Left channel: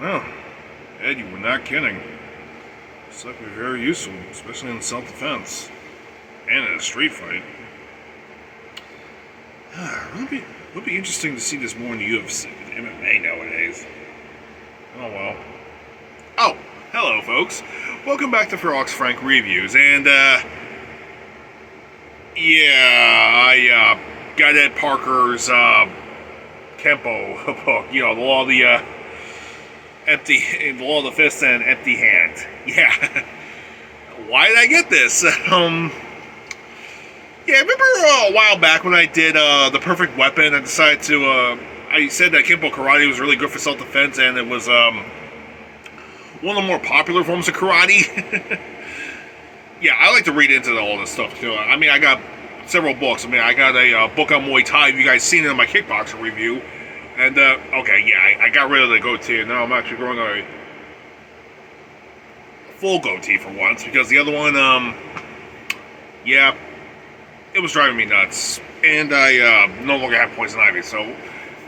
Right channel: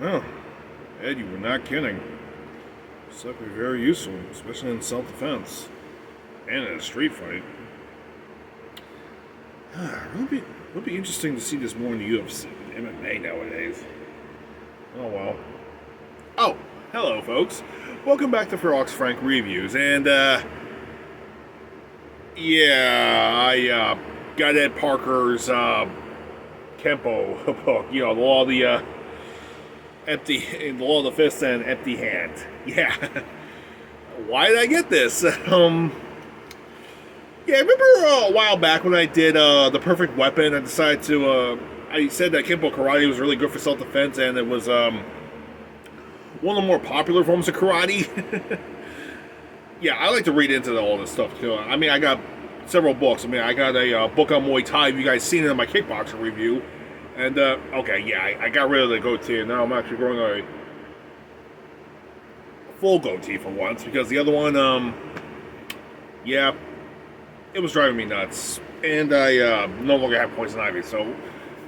Well, Ed, you were not kidding. It's definitely very useful, especially in self-defense and in a street fight. It would be interesting to see this more in the UFC than MMA nowadays. Oh well. Oh, hello folks. Welcome back to Ferox Frank Reviews, and I got Ed Parker's Kempo book, you know, the law of the law of the fist and empty hand. Yeah. Why did I get this? Yeah, I remember a while back when I did The Perfect Weapon. I decided to, I said that Kempo Karate was really good for self-defense, and it was one of the more popular forms of karate. Yeah, I like to read into all this stuff too. I mean, I got several books. I mean, I got a book on Muay Thai. You guys seen it in my kickboxing review. And, okay, yeah, I got rid of the goatee, and now I'm actually growing a full goatee for once, because the other one, yeah, it was driving me nuts. And I no longer have poison ivy, so,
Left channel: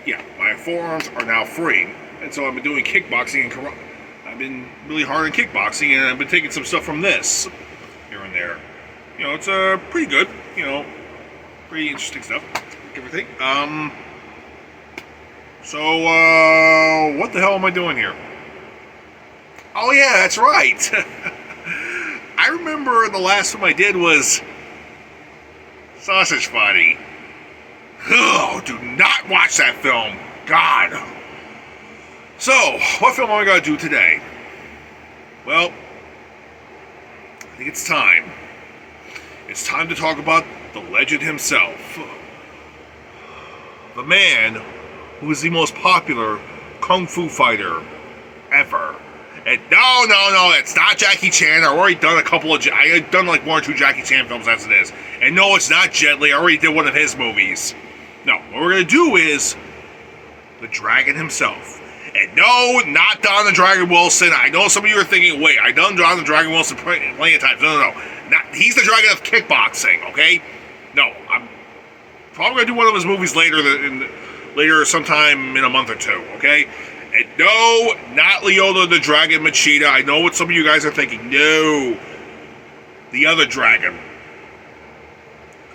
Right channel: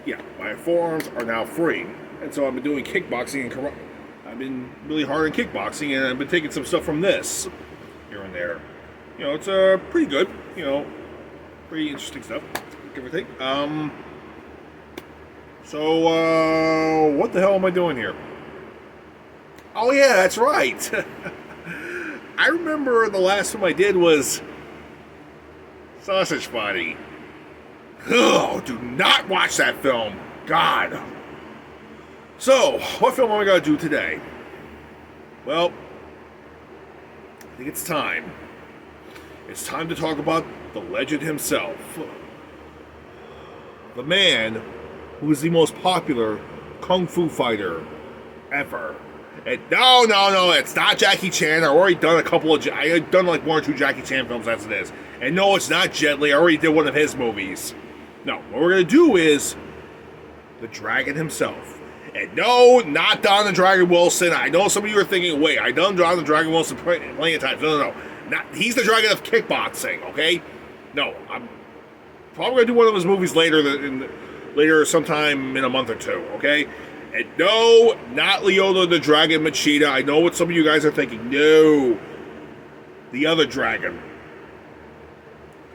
yeah, my forearms are now free. And so I've been doing kickboxing and karate. I've been really hard in kickboxing, and I've been taking some stuff from this here and there. You know, it's pretty good, you know, pretty interesting stuff, everything. So, what the hell am I doing here? Oh yeah, that's right. I remember the last film I did was Sausage Party. Oh, do not watch that film. God. So, what film am I going to do today? Well, I think it's time. It's time to talk about the legend himself. The man who is the most popular kung fu fighter ever. And no, it's not Jackie Chan. I've already done I've done like 1 or 2 Jackie Chan films as it is. And no, it's not Jet Li. I already did one of his movies. No, what we're going to do is the Dragon himself. And no, not Don the Dragon Wilson. I know some of you are thinking, wait, I done Don the Dragon Wilson plenty of times. No. He's the Dragon of kickboxing, okay? No, I'm probably going to do one of his movies later sometime in a month or two, okay? And no, not Leota the Dragon Machida. I know what some of you guys are thinking. No. The other dragon.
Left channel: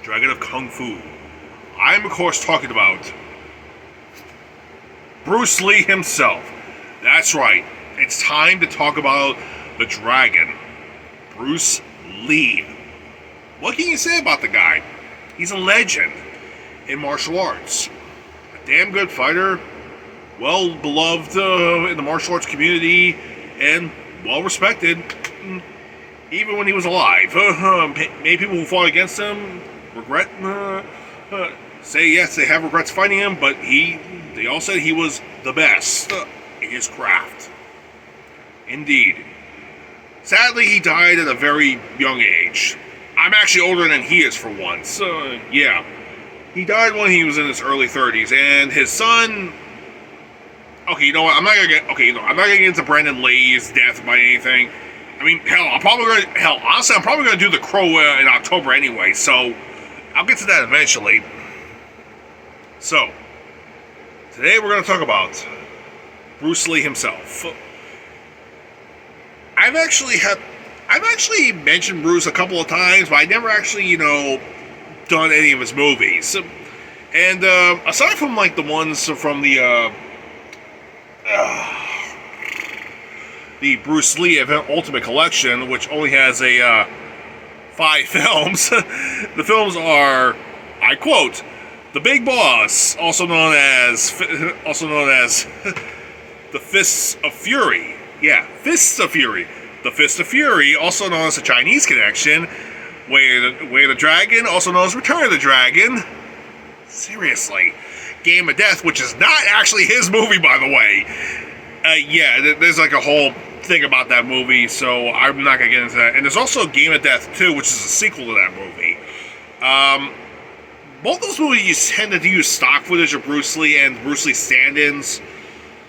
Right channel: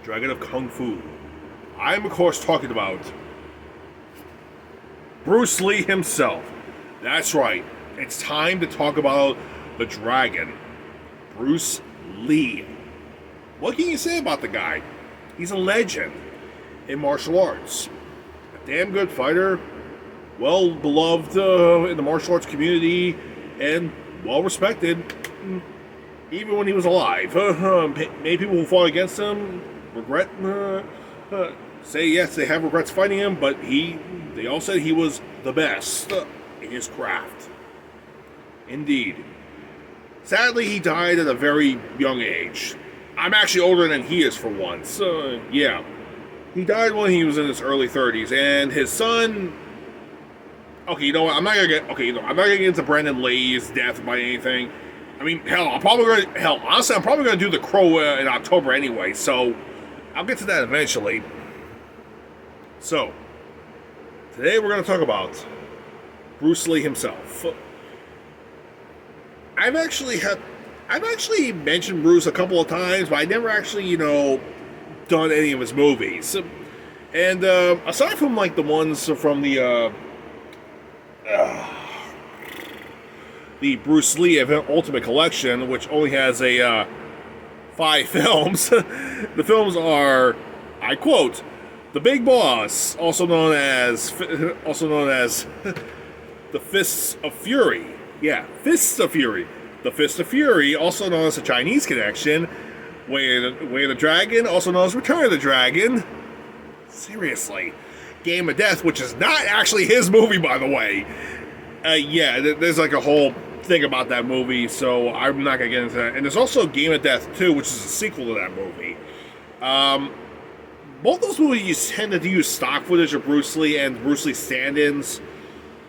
Dragon of Kung Fu. I'm, of course, talking about Bruce Lee himself. That's right. It's time to talk about the dragon. Bruce Lee. What can you say about the guy? He's a legend in martial arts. A damn good fighter. Well beloved in the martial arts community, and well respected, even when he was alive. Many people who fought against him regret, say yes, they have regrets fighting him, but they all said he was the best in his craft. Indeed. Sadly, he died at a very young age. I'm actually older than he is for once. Yeah. He died when he was in his early 30s, and his son. Okay, you know what? I'm not gonna get into Brandon Lee's death by anything. I mean, honestly, I'm probably gonna do The Crow in October anyway. So I'll get to that eventually. So today we're gonna talk about Bruce Lee himself. I've actually mentioned Bruce a couple of times, but I never actually, done any of his movies. And aside from like the ones from the Bruce Lee Ultimate Collection, which only has 5 films. The films are, I quote, The Big Boss, also known as The Fists of Fury. Yeah, Fists of Fury. The Fist of Fury, also known as The Chinese Connection. Way of the Dragon, also known as Return of the Dragon. Seriously. Game of Death, which is not actually his movie, by the way. Yeah, there's like a whole thing about that movie, so I'm not going to get into that. And there's also Game of Death 2, which is a sequel to that movie. Both those movies tend to use stock footage of Bruce Lee and Bruce Lee stand-ins,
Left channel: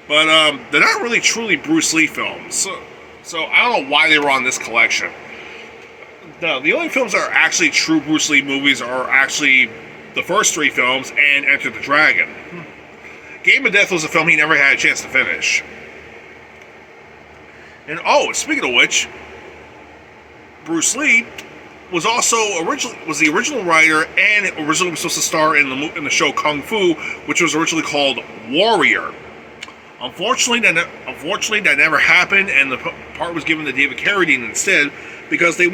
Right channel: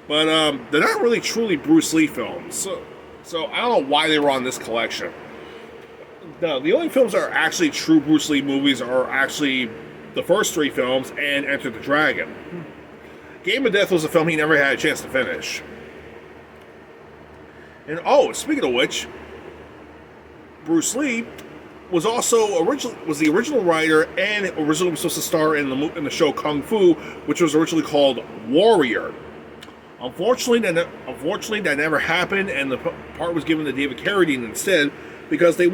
but they're not really truly Bruce Lee films. So I don't know why they were on this collection. No, the only films that are actually true Bruce Lee movies are actually the first 3 films and Enter the Dragon. Game of Death was a film he never had a chance to finish. And speaking of which, Bruce Lee was the original writer and originally was supposed to star in the show Kung Fu, which was originally called Warrior. Unfortunately, that never happened, and the part was given to David Carradine instead because the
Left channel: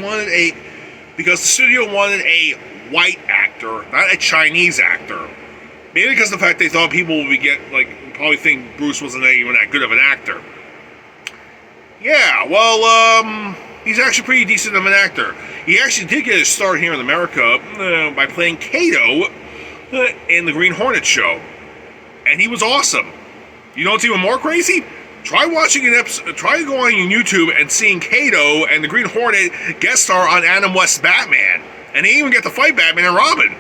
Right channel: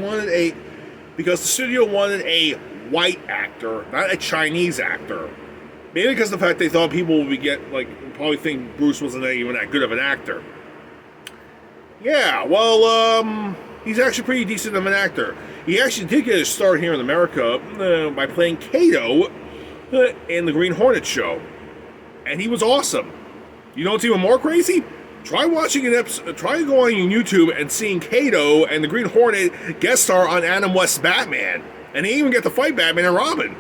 studio wanted a white actor, not a Chinese actor. Maybe because of the fact they thought people would probably think Bruce wasn't even that good of an actor. Yeah, well, he's actually pretty decent of an actor. He actually did get his start here in America by playing Kato in the Green Hornet show. And he was awesome. You know what's even more crazy? Try watching an episode, try going on YouTube and seeing Kato and the Green Hornet guest star on Adam West's Batman. And they even get to fight Batman and Robin.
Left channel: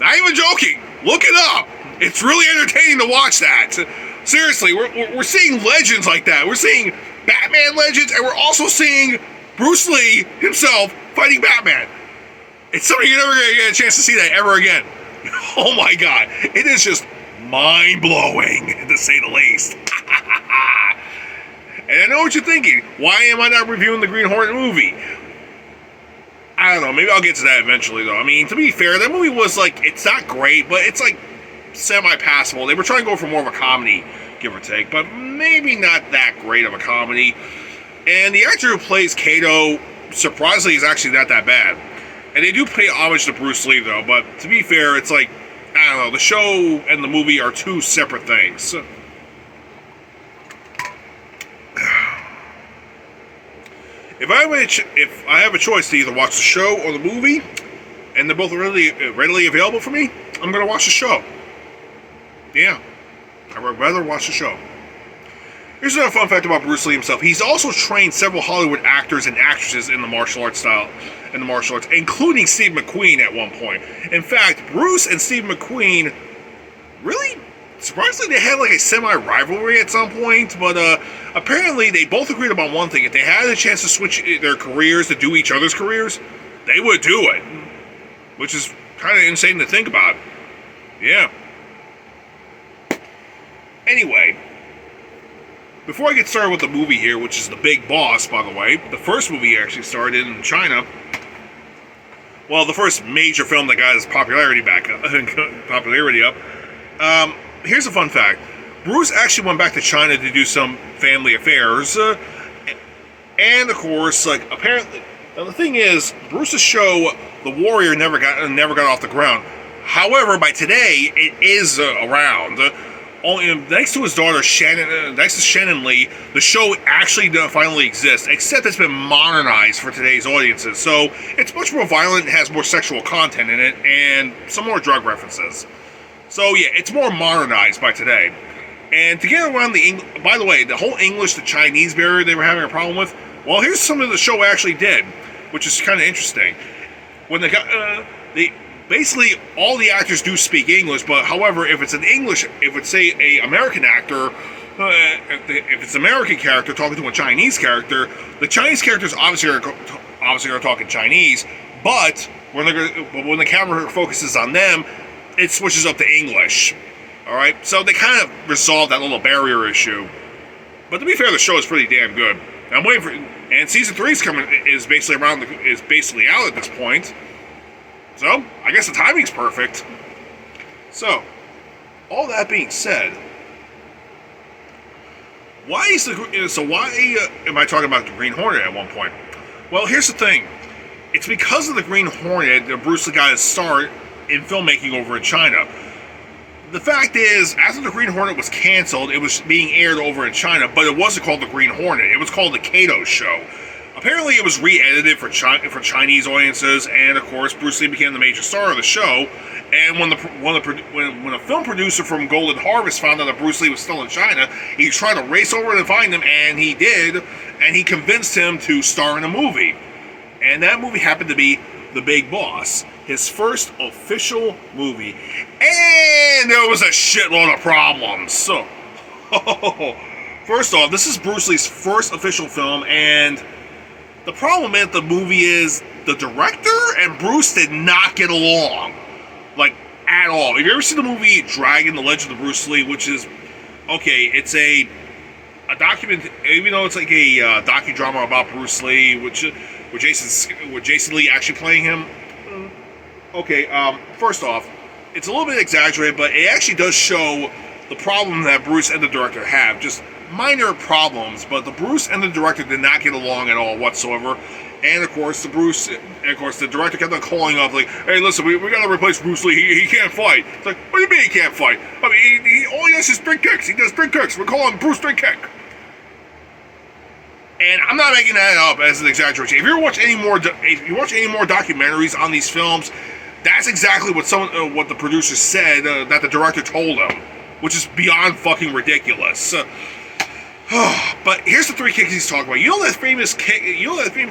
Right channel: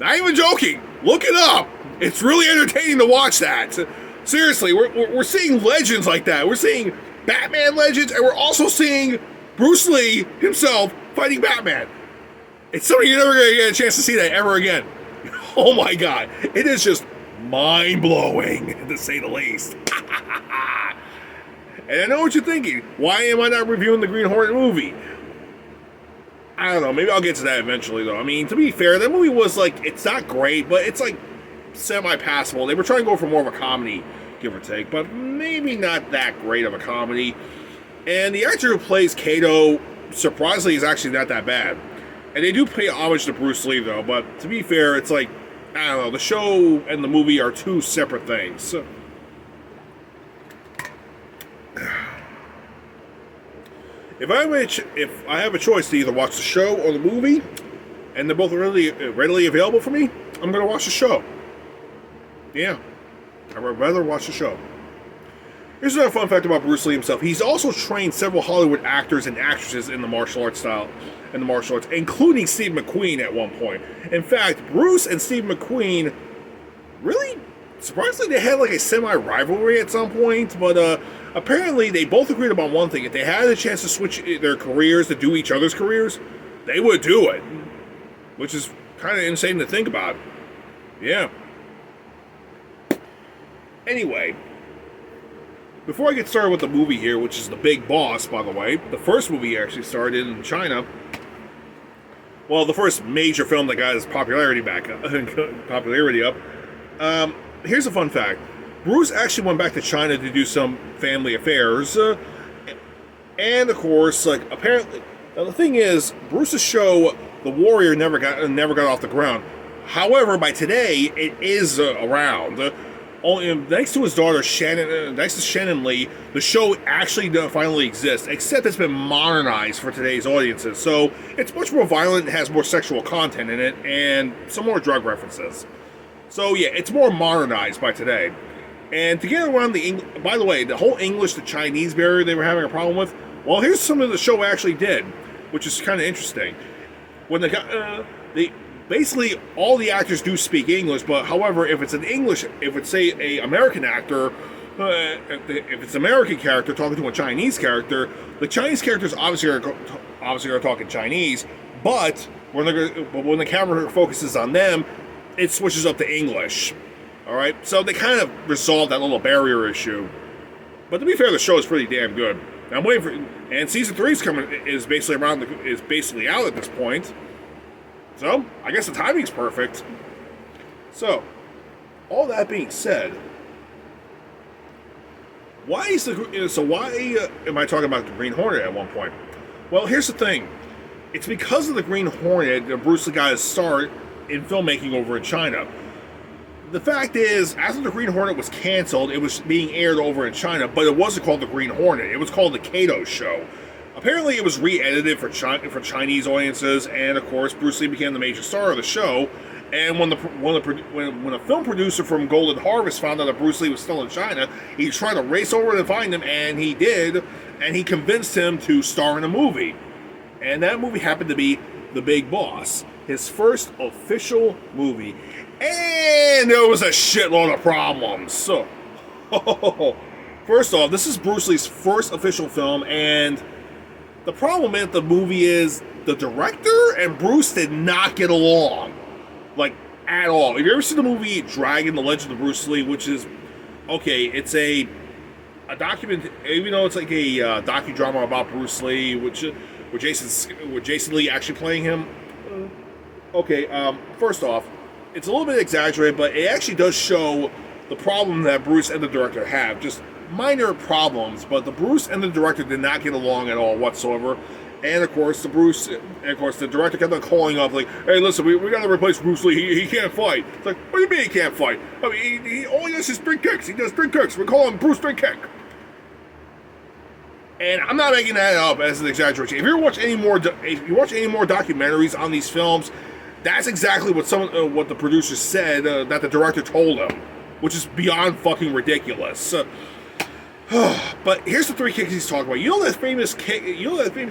Not even joking. Look it up. It's really entertaining to watch that. Seriously, we're seeing legends like that. We're seeing Batman legends, and we're also seeing Bruce Lee himself fighting Batman. It's something you're never going to get a chance to see that ever again. Oh my god. It is just mind-blowing, to say the least. And I know what you're thinking. Why am I not reviewing the Green Hornet movie? I don't know. Maybe I'll get to that eventually, though. I mean, to be fair, that movie was it's not great, but it's semi-passable. They were trying to go for more of a comedy, give or take, but maybe not that great of a comedy. And the actor who plays Kato, surprisingly, is actually not that bad. And they do pay homage to Bruce Lee, though, but to be fair, it's I don't know, the show and the movie are two separate things. If I have a choice to either watch the show or the movie, and they're both readily available for me, I'm going to watch the show. Yeah, I would rather watch the show. Here's another fun fact about Bruce Lee himself. He's also trained several Hollywood actors and actresses in the martial arts style, including Steve McQueen at one point. In fact, Bruce and Steve McQueen really, surprisingly, they had a semi-rivalry at some point, but apparently they both agreed about one thing. If they had a chance to switch their careers to do each other's careers, they would do it. Which is kind of insane to think about. Yeah. Anyway, before I get started with the movie here, which is The Big Boss, by the way, the first movie actually started in China. Well, the first major film that got his popularity up. Here's a fun fact. Bruce actually went back to China to do some family affairs. And, of course, apparently... Now, the thing is, Bruce's show, The Warrior, never got off the ground. However, by today, it is around. Thanks to his daughter, Shannon Lee, the show actually finally exists, except it's been modernized for today's audiences. So it's much more violent, has more sexual content in it, and some more drug references. So yeah, it's more modernized by today. And to get around by the way, the whole English to Chinese barrier they were having a problem with, well, here's something the show actually did, which is kind of interesting. When basically, all the actors do speak English, but however, if it's say a American actor, if it's an American character talking to a Chinese character, the Chinese characters obviously are talking Chinese, but when the camera focuses on them, it switches up to English. All right, so they kind of resolved that little barrier issue. But to be fair, the show is pretty damn good. I'm waiting for, and season 3 is basically out at this point. So, I guess the timing's perfect. So, all that being said, why am I talking about the Green Hornet at one point? Well, here's the thing. It's because of the Green Hornet that Bruce Lee got his start in filmmaking over in China. The fact is, after the Green Hornet was canceled, it was being aired over in China, but it wasn't called the Green Hornet. It was called the Kato Show. Apparently, it was re-edited for Chinese audiences, and of course, Bruce Lee became the major star of the show. And when a film producer from Golden Harvest found out that Bruce Lee was still in China, he tried to race over to find him, and he did, and he convinced him to star in a movie. And that movie happened to be The Big Boss, his first official movie. And there was a shitload of problems. So, first off, this is Bruce Lee's first official film, and The problem in the movie is the director and Bruce did not get along, like, at all. Have you ever seen the movie Dragon: The Legend of Bruce Lee, which is, okay, it's a document, even though it's like a docudrama about Bruce Lee, with Jason Lee actually playing him. Okay, first off, it's a little bit exaggerated, but it actually does show the problem that Bruce and the director have. Just minor problems, but the Bruce and the director did not get along at all whatsoever. And of course, the director kept on calling up like, "Hey, listen, we gotta replace Bruce Lee. He can't fight." It's like, what do you mean he can't fight? I mean, he all he does is spin kicks. He does spin kicks. We're calling Bruce Spin Kick. And I'm not making that up as an exaggeration. If you watch any more documentaries on these films, that's exactly what what the producer said that the director told him, which is beyond fucking ridiculous. But here's the three kicks he's talking about. You know that famous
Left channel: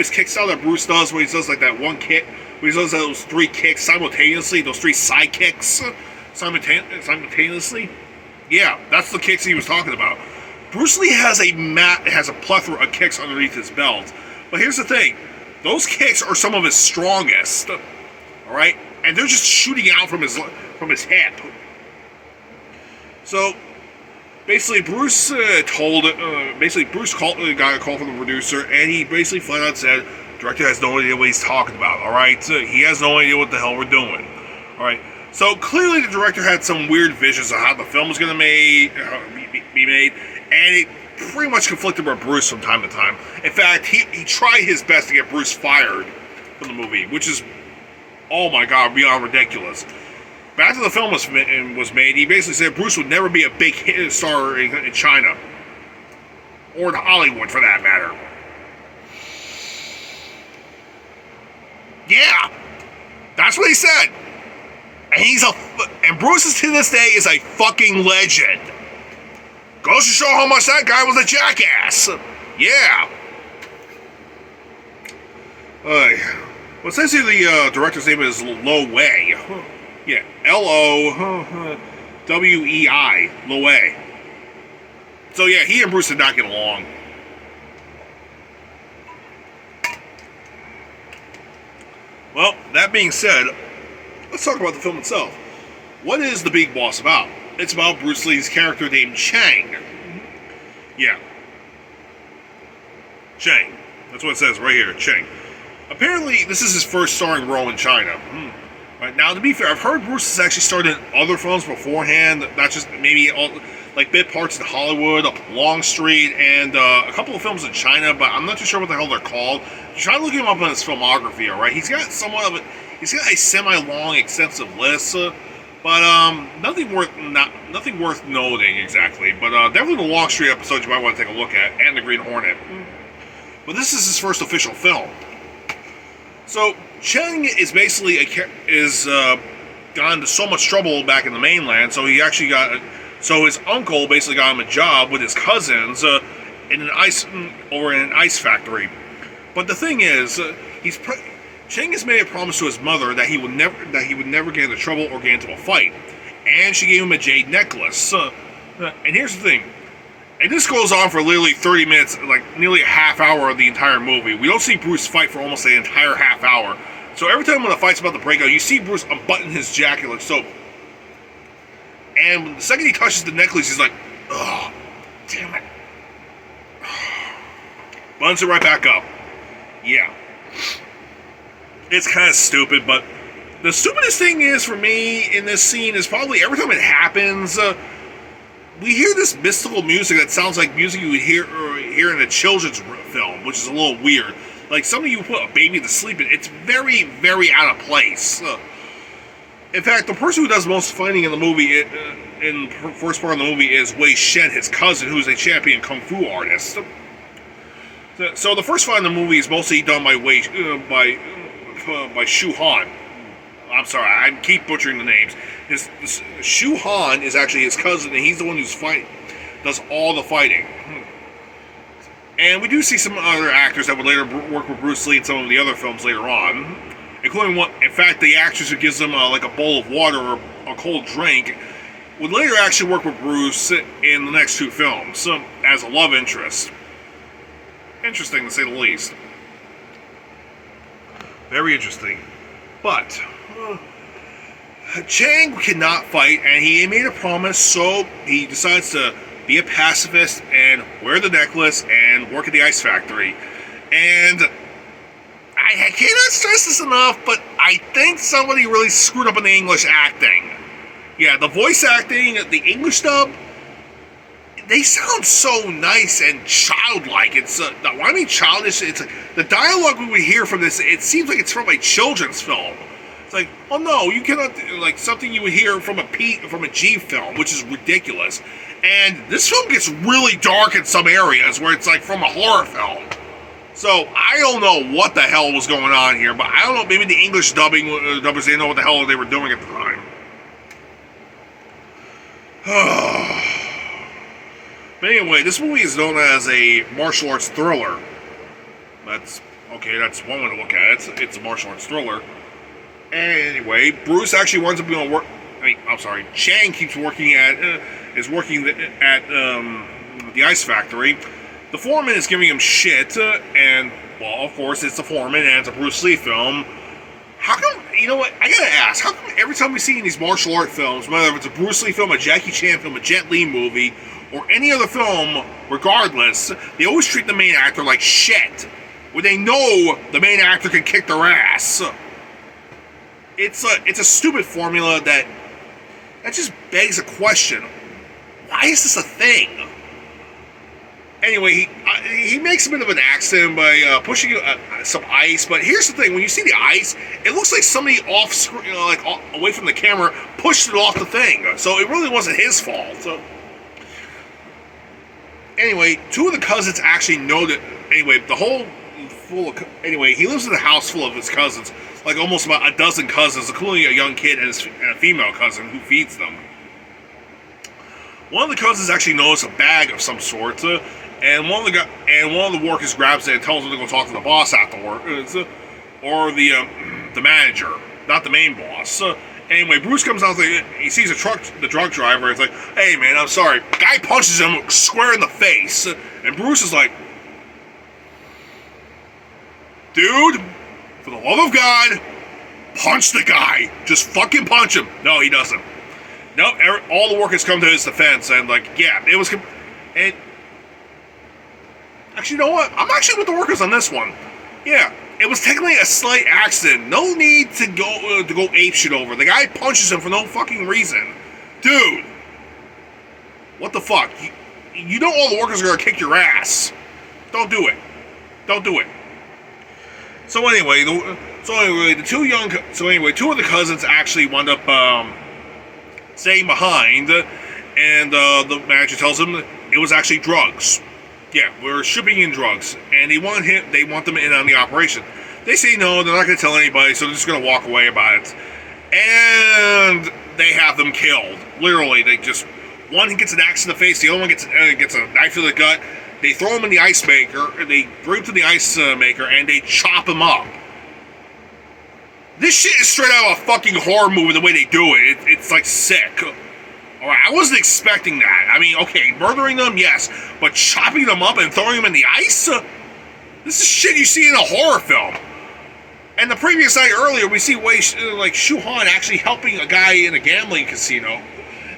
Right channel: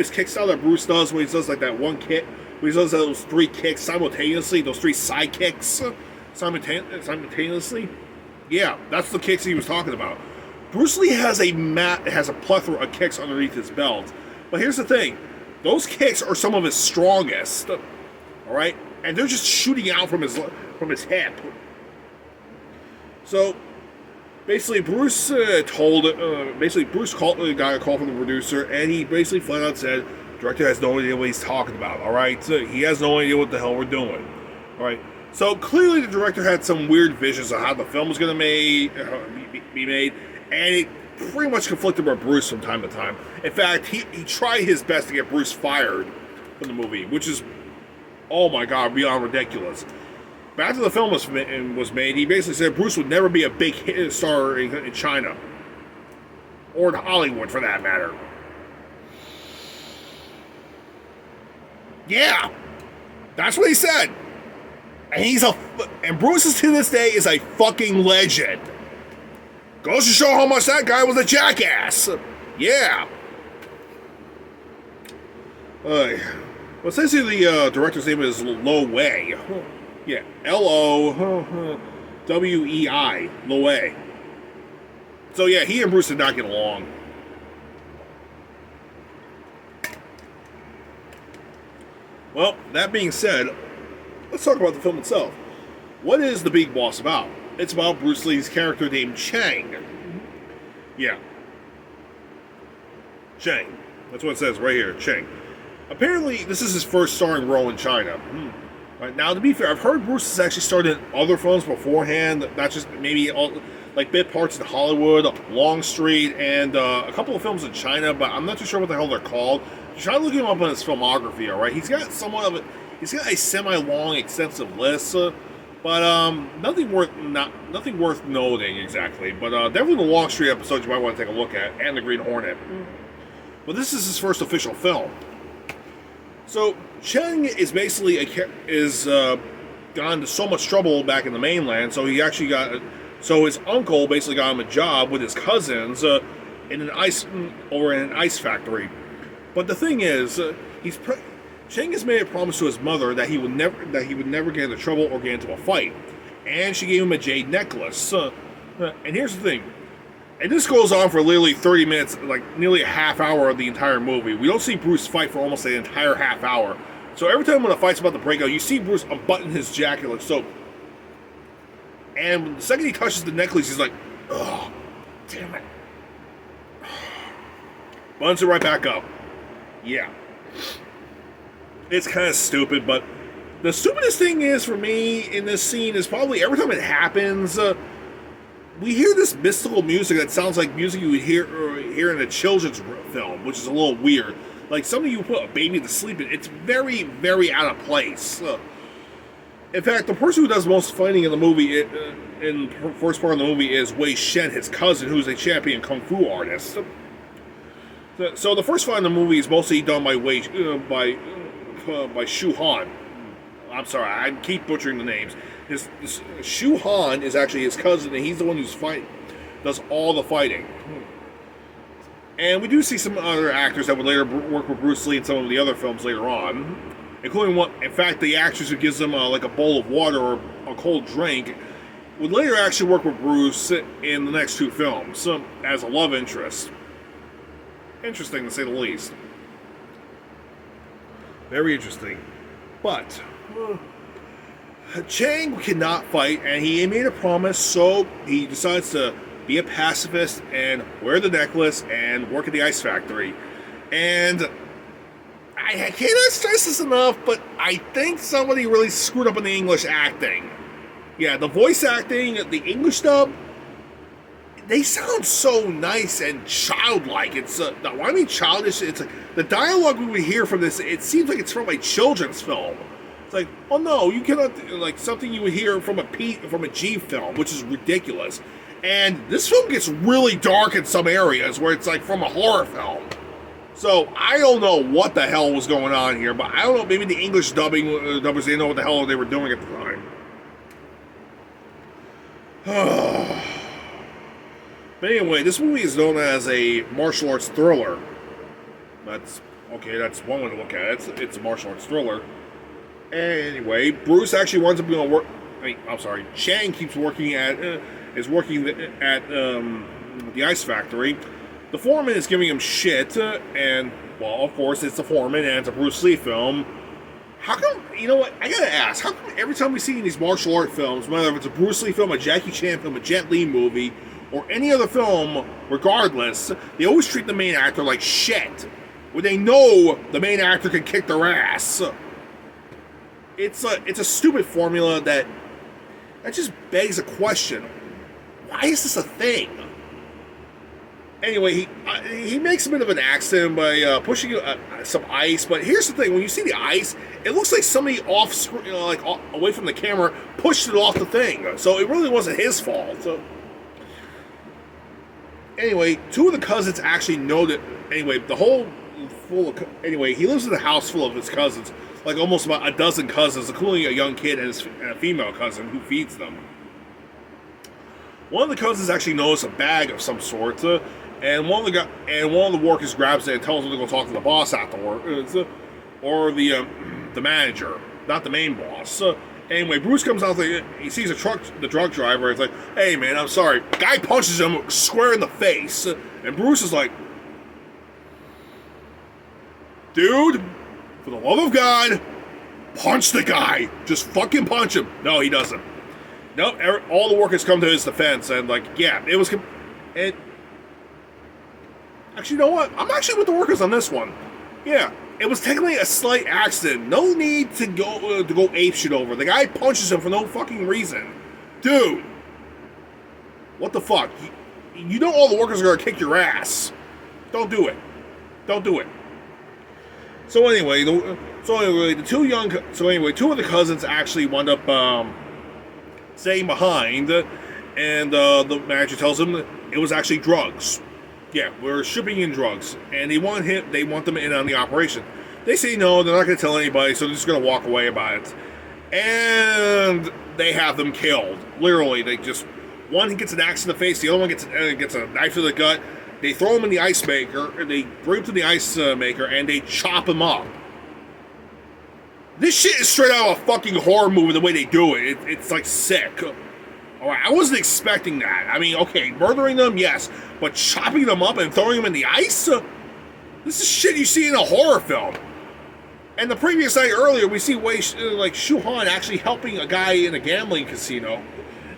kick style that Bruce does, where he does like that one kick, where he does those three kicks simultaneously, those three side kicks simultaneously. Yeah, that's the kicks he was talking about. Bruce Lee has a plethora of kicks underneath his belt. But here's the thing: those kicks are some of his strongest. All right, and they're just shooting out from his hip. So basically, Bruce got a call from the producer, and he basically flat out said, "Director has no idea what he's talking about. All right, he has no idea what the hell we're doing. All right." So clearly, the director had some weird visions of how the film was going to be made, and it pretty much conflicted with Bruce from time to time. In fact, he tried his best to get Bruce fired from the movie, which is, oh my god, beyond ridiculous. But after the film was made, he basically said Bruce would never be a big hit star in China, or in Hollywood for that matter. Yeah, that's what he said. And Bruce to this day is a fucking legend. Goes to show how much that guy was a jackass. Yeah. Well, it says here the director's name is Lo Wei. Yeah, Lowei. Lowei. So yeah, he and Bruce did not get along. Well, that being said, let's talk about the film itself. What is The Big Boss about? It's about Bruce Lee's character named Chang. Yeah. Chang. That's what it says right here, Chang. Apparently, this is his first starring role in China. Right, now, to be fair, I've heard Bruce has actually starred in other films beforehand, not just maybe like bit parts in Hollywood, Longstreet, and a couple of films in China, but I'm not too sure what the hell they're called. Try to look him up on his filmography, alright? He's got a semi-long, extensive list, but nothing worth noting exactly. But definitely the Longstreet episodes you might want to take a look at, and the Green Hornet. But this is his first official film. So Cheng is basically got into so much trouble back in the mainland. So his uncle basically got him a job with his cousins in an ice factory. But the thing is, Cheng has made a promise to his mother that he would never get into trouble or get into a fight, and she gave him a jade necklace. And here's the thing. And this goes on for literally 30 minutes, like nearly a half hour of the entire movie. We don't see Bruce fight for almost the entire half hour. So every time when the fight's about to break out, you see Bruce unbutton his jacket like so. And the second he touches the necklace, he's like, "Oh, damn it." Buttons it right back up. Yeah. It's kind of stupid, but the stupidest thing is for me in this scene is probably every time it happens, we hear this mystical music that sounds like music you would hear in a children's film, which is a little weird. Like something you put a baby to sleep in. It's very, very out of place. In fact, the person who does most fighting in the movie, in the first part of the movie, is Wei Shen, his cousin, who's a champion kung fu artist. So the first fight in the movie is mostly done by Shu Han. I'm sorry, I keep butchering the names. Shu Han is actually his cousin, and he's the one does all the fighting. And we do see some other actors that would later work with Bruce Lee in some of the other films later on, including one. In fact, the actress who gives them like a bowl of water or a cold drink would later actually work with Bruce in the next two films as a love interest. Interesting to say the least. Very interesting. But Chang cannot fight, and he made a promise, so he decides to be a pacifist and wear the necklace and work at the ice factory. And I cannot stress this enough, but I think somebody really screwed up in the English acting. Yeah, the voice acting, the English dub, they sound so nice and childlike. It's when I mean childish, it's the dialogue we would hear from this. It seems like it's from a children's film. It's like, oh no, you cannot, like something you would hear from a G film, which is ridiculous. And this film gets really dark in some areas where it's like from a horror film. So I don't know what the hell was going on here, but I don't know. Maybe the English dubbers didn't know what the hell they were doing at the time. But anyway, this movie is known as a martial arts thriller. That's okay. That's one way to look at it. It's a martial arts thriller. Anyway, Bruce actually winds up going to work. Chang keeps working at the ice factory. The foreman is giving him shit, and well, of course, it's the foreman, and it's a Bruce Lee film. How come? You know what? I gotta ask. How come every time we see in these martial art films, whether it's a Bruce Lee film, a Jackie Chan film, a Jet Li movie, or any other film, regardless, they always treat the main actor like shit, when they know the main actor can kick their ass? It's a stupid formula that just begs a question. Why is this a thing? Anyway, he makes a bit of an accident by pushing some ice. But here's the thing: when you see the ice, it looks like somebody off screen, away from the camera, pushed it off the thing. So it really wasn't his fault. So anyway, two of the cousins actually know that. Anyway, he lives in a house full of his cousins, like almost about a dozen cousins, including a young kid and a female cousin who feeds them. One of the cousins actually notices a bag of some sort, and one of the workers grabs it and tells him to go talk to the boss afterwards, or the manager, not the main boss. Anyway, Bruce comes out. He sees the truck driver. It's like, "Hey man, I'm sorry." Guy punches him square in the face, and Bruce is like, "Dude, for the love of God, punch the guy. Just fucking punch him." No, he doesn't. Nope, all the workers come to his defense, and it was. And actually, you know what? I'm actually with the workers on this one. Yeah, it was technically a slight accident. No need to go apeshit over. The guy punches him for no fucking reason, dude. What the fuck? You know all the workers are gonna kick your ass. Don't do it. Don't do it. So anyway, two of the cousins actually wound up staying behind, and the manager tells him it was actually drugs. Yeah, we're shipping in drugs, and they want them in on the operation. They say no, they're not going to tell anybody, so they're just going to walk away about it. And they have them killed. Literally, one gets an axe in the face, the other one gets a knife to the gut. They throw him in the ice maker, they bring him to the ice maker, and they chop him up. This shit is straight out of a fucking horror movie, the way they do it. It's like sick. Alright, I wasn't expecting that. I mean, okay, murdering them, yes. But chopping them up and throwing them in the ice? This is shit you see in a horror film. And the previous night earlier, we see Shu Han actually helping a guy in a gambling casino.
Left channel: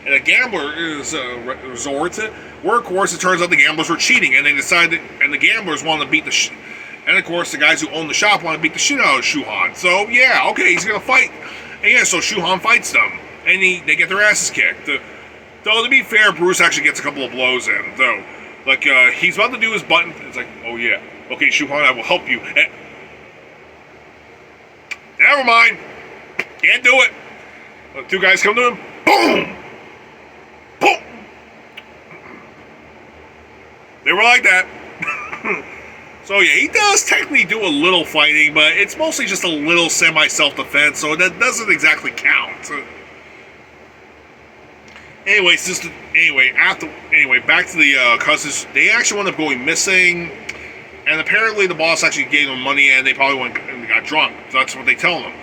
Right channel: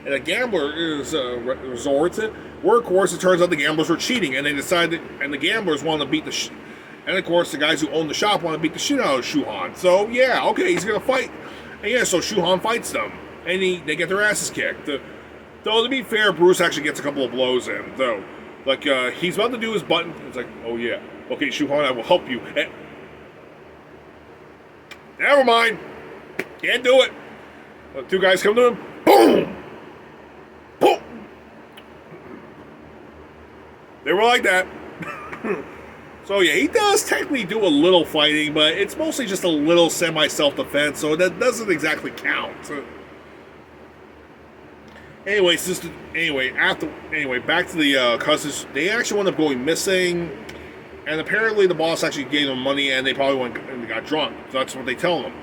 And a gambler's resort, where, of course, it turns out the gamblers were cheating. And they decided, and the gamblers wanted to beat the and, of course, the guys who own the shop want to beat the shit out of Shu Han. So, yeah, okay, he's going to fight. And, yeah, so Shu Han fights them. And they get their asses kicked. Though, to be fair, Bruce actually gets a couple of blows in, though. He's about to do his button. It's like, oh, yeah. Okay, Shu Han, I will help you. Never mind. Can't do it. Two guys come to him. Boom! Boom! They were like that. So yeah, he does technically do a little fighting, but it's mostly just a little semi-self-defense, so that doesn't exactly count. Anyway, back to the cousins. They actually wound up going missing, and apparently the boss actually gave them money, and they probably went and got drunk. So that's what they tell them.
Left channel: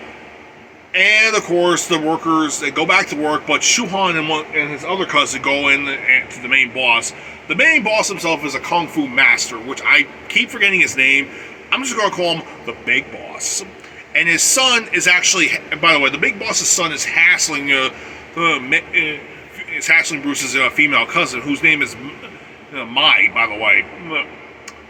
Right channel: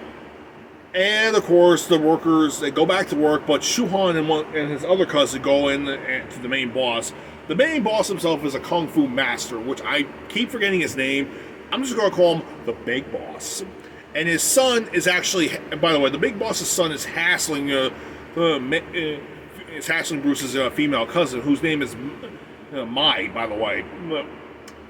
And of course, the workers, they go back to work, but Shu Han and his other cousin go in to the main boss. The main boss himself is a kung fu master, which I keep forgetting his name. I'm just going to call him the Big Boss. and his son is actually. And by the way, the big boss's son is hassling Bruce's female cousin, whose name is Mai. By the way,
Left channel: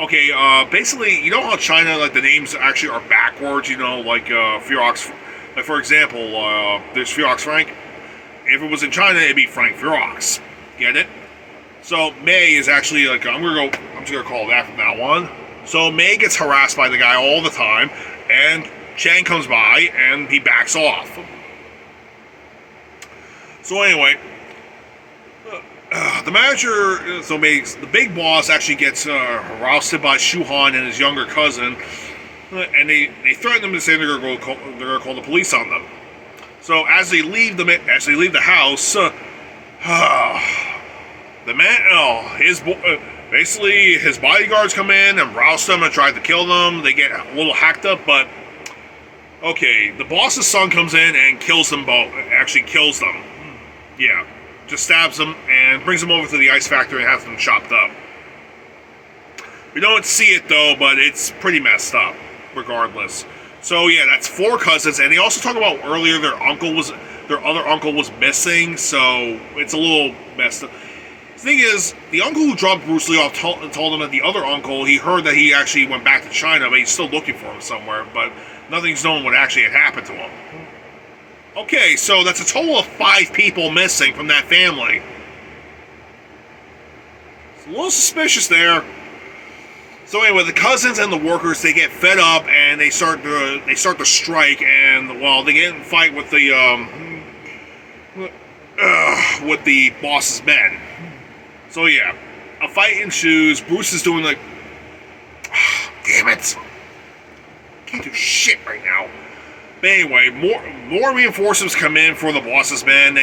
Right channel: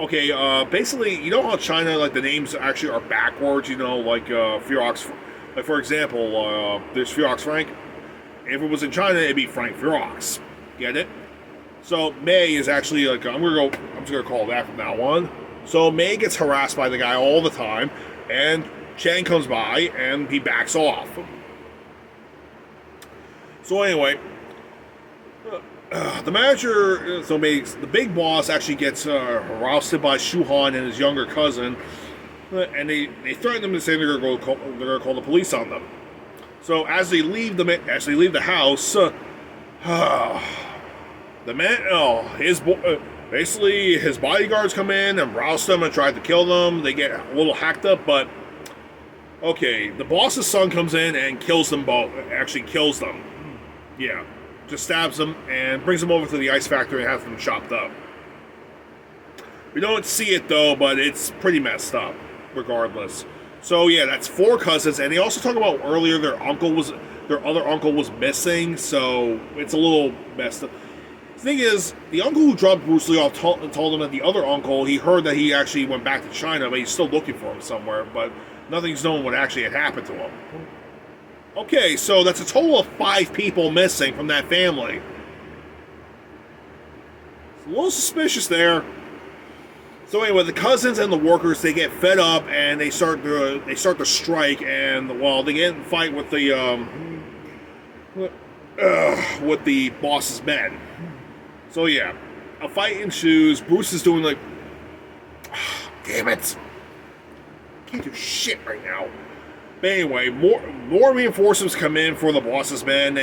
okay. Basically, you know how China, like, the names actually are backwards. You know, like Ferox. Like, for example, there's Ferox Frank. If it was in China, it'd be Frank Ferox. Get it? So May is actually like, I'm just gonna call it that from now on. So May gets harassed by the guy all the time, and Chang comes by and he backs off. So anyway, the manager, the big boss actually gets harassed by Shuhan and his younger cousin, and they threaten them and say they're gonna call the police on them. So as they leave the house, the man, basically his bodyguards come in and roust them and try to kill them. They get a little hacked up, but okay, the boss's son comes in and kills them both. Actually kills them. Yeah, just stabs them and brings them over to the ice factory and has them chopped up. We don't see it though, but it's pretty messed up, regardless. So yeah, that's 4 cousins, and they also talk about earlier their other uncle was missing, so it's a little messed up. The thing is, the uncle who dropped Bruce Lee off told him that the other uncle, he heard that he actually went back to China, but he's still looking for him somewhere, but nothing's known what actually had happened to him. Okay, so that's a total of 5 people missing from that family. It's a little suspicious there. So anyway, the cousins and the workers, they get fed up and they start to strike, and well, they get in a fight with the boss's men. So yeah, a fight ensues. Bruce is doing like, damn it, can't do shit right now. But anyway, more reinforcements come in for the boss's men.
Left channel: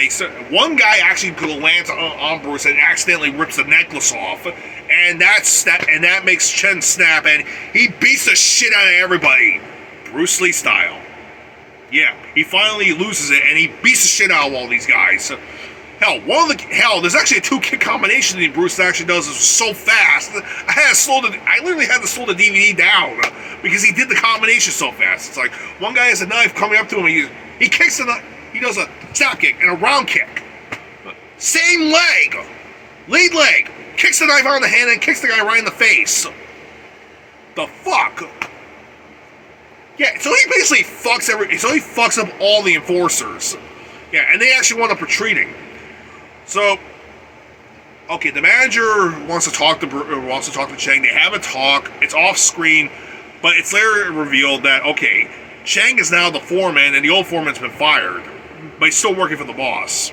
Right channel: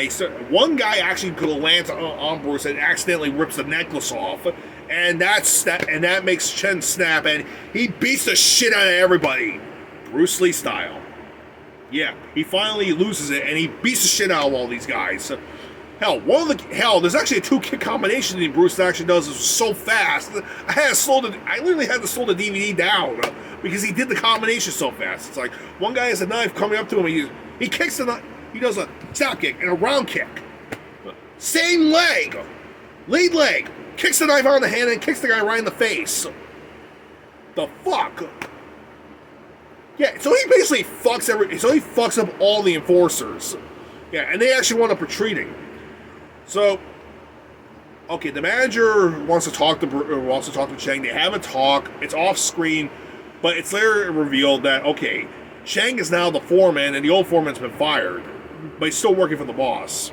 One guy actually put a lance on Bruce and accidentally rips the necklace off, and that makes Chen snap, and he beats the shit out of everybody, Bruce Lee style. Yeah, he finally loses it, and he beats the shit out of all these guys. Hell, there's actually a 2-kick combination that Bruce actually does so fast. I literally had to slow the DVD down because he did the combination so fast. It's like one guy has a knife coming up to him, he kicks the knife, he does a snap kick and a round kick. Same leg, lead leg, kicks the knife on the hand and kicks the guy right in the face. The fuck? Yeah, so he basically fucks up all the enforcers. Yeah, and they actually wind up retreating. So, okay, the manager wants to talk to Chang. They have a talk. It's off screen, but it's later revealed that okay, Chang is now the foreman, and the old foreman's been fired, but he's still working for the boss.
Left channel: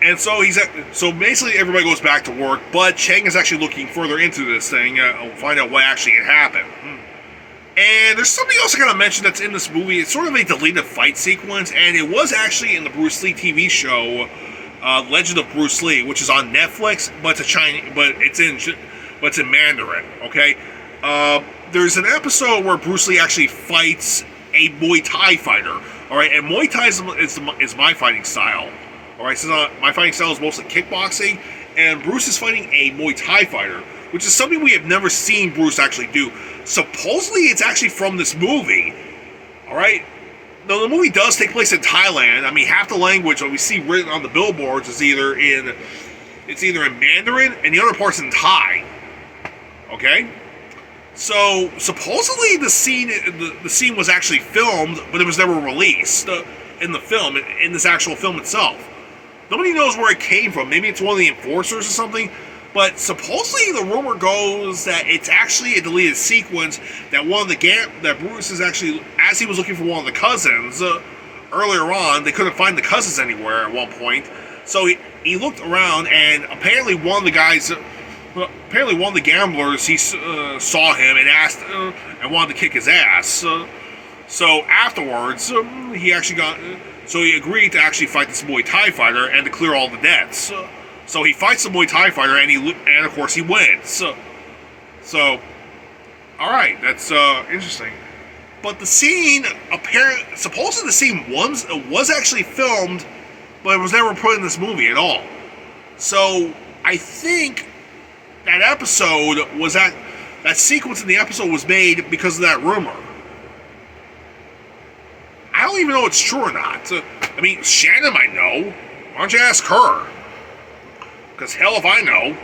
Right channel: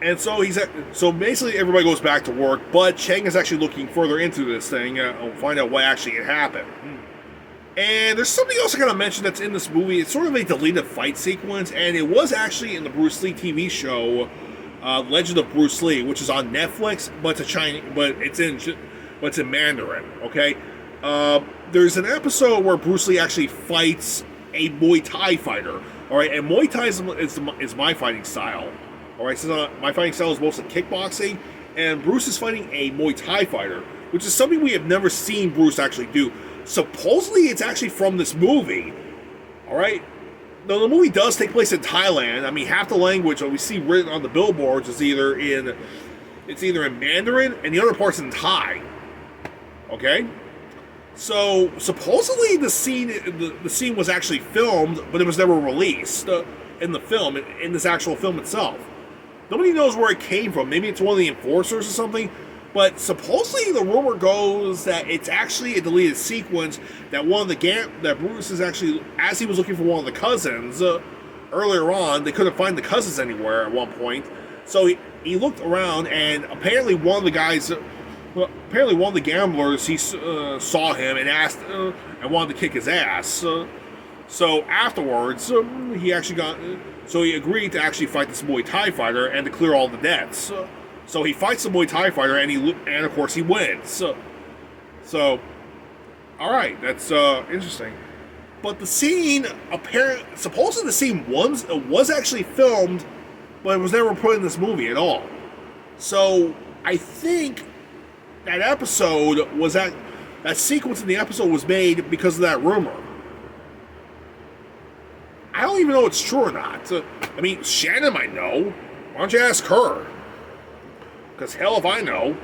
And so so basically everybody goes back to work, but Chang is actually looking further into this thing, find out what actually had happened. And there's something else I gotta mention that's in this movie. It's sort of a deleted fight sequence, and it was actually in the Bruce Lee TV show, Legend of Bruce Lee, which is on Netflix, but it's in Mandarin. Okay, there's an episode where Bruce Lee actually fights a Muay Thai fighter. All right, and Muay Thai is my fighting style. All right, so my fighting style is mostly kickboxing, and Bruce is fighting a Muay Thai fighter, which is something we have never seen Bruce actually do. Supposedly, it's actually from this movie. All right. Now, the movie does take place in Thailand. I mean, half the language that we see written on the billboards is either in Mandarin and the other part's in Thai. Okay. So supposedly the scene was actually filmed, but it was never released in the film, in this actual film itself. Nobody knows where it came from. Maybe it's one of the enforcers or something. But supposedly the rumor goes that it's actually a deleted sequence that that Bruce is actually, as he was looking for one of the cousins earlier on, they couldn't find the cousins anywhere at one point. So he looked around, and apparently one of the gamblers, he saw him and asked and wanted to kick his ass. So afterwards, he agreed to actually fight this Muay Thai fighter and to clear all the debts. So he fights the Muay Thai fighter, and of course he wins. So all right, that's interesting. But the scene, supposedly the scene was actually filmed, but it was never put in this movie at all. So I think that sequence in the episode was made because of that rumor. don't even know if it's true or not. I mean, Shannon might know. Why don't you ask her? Because hell if I know.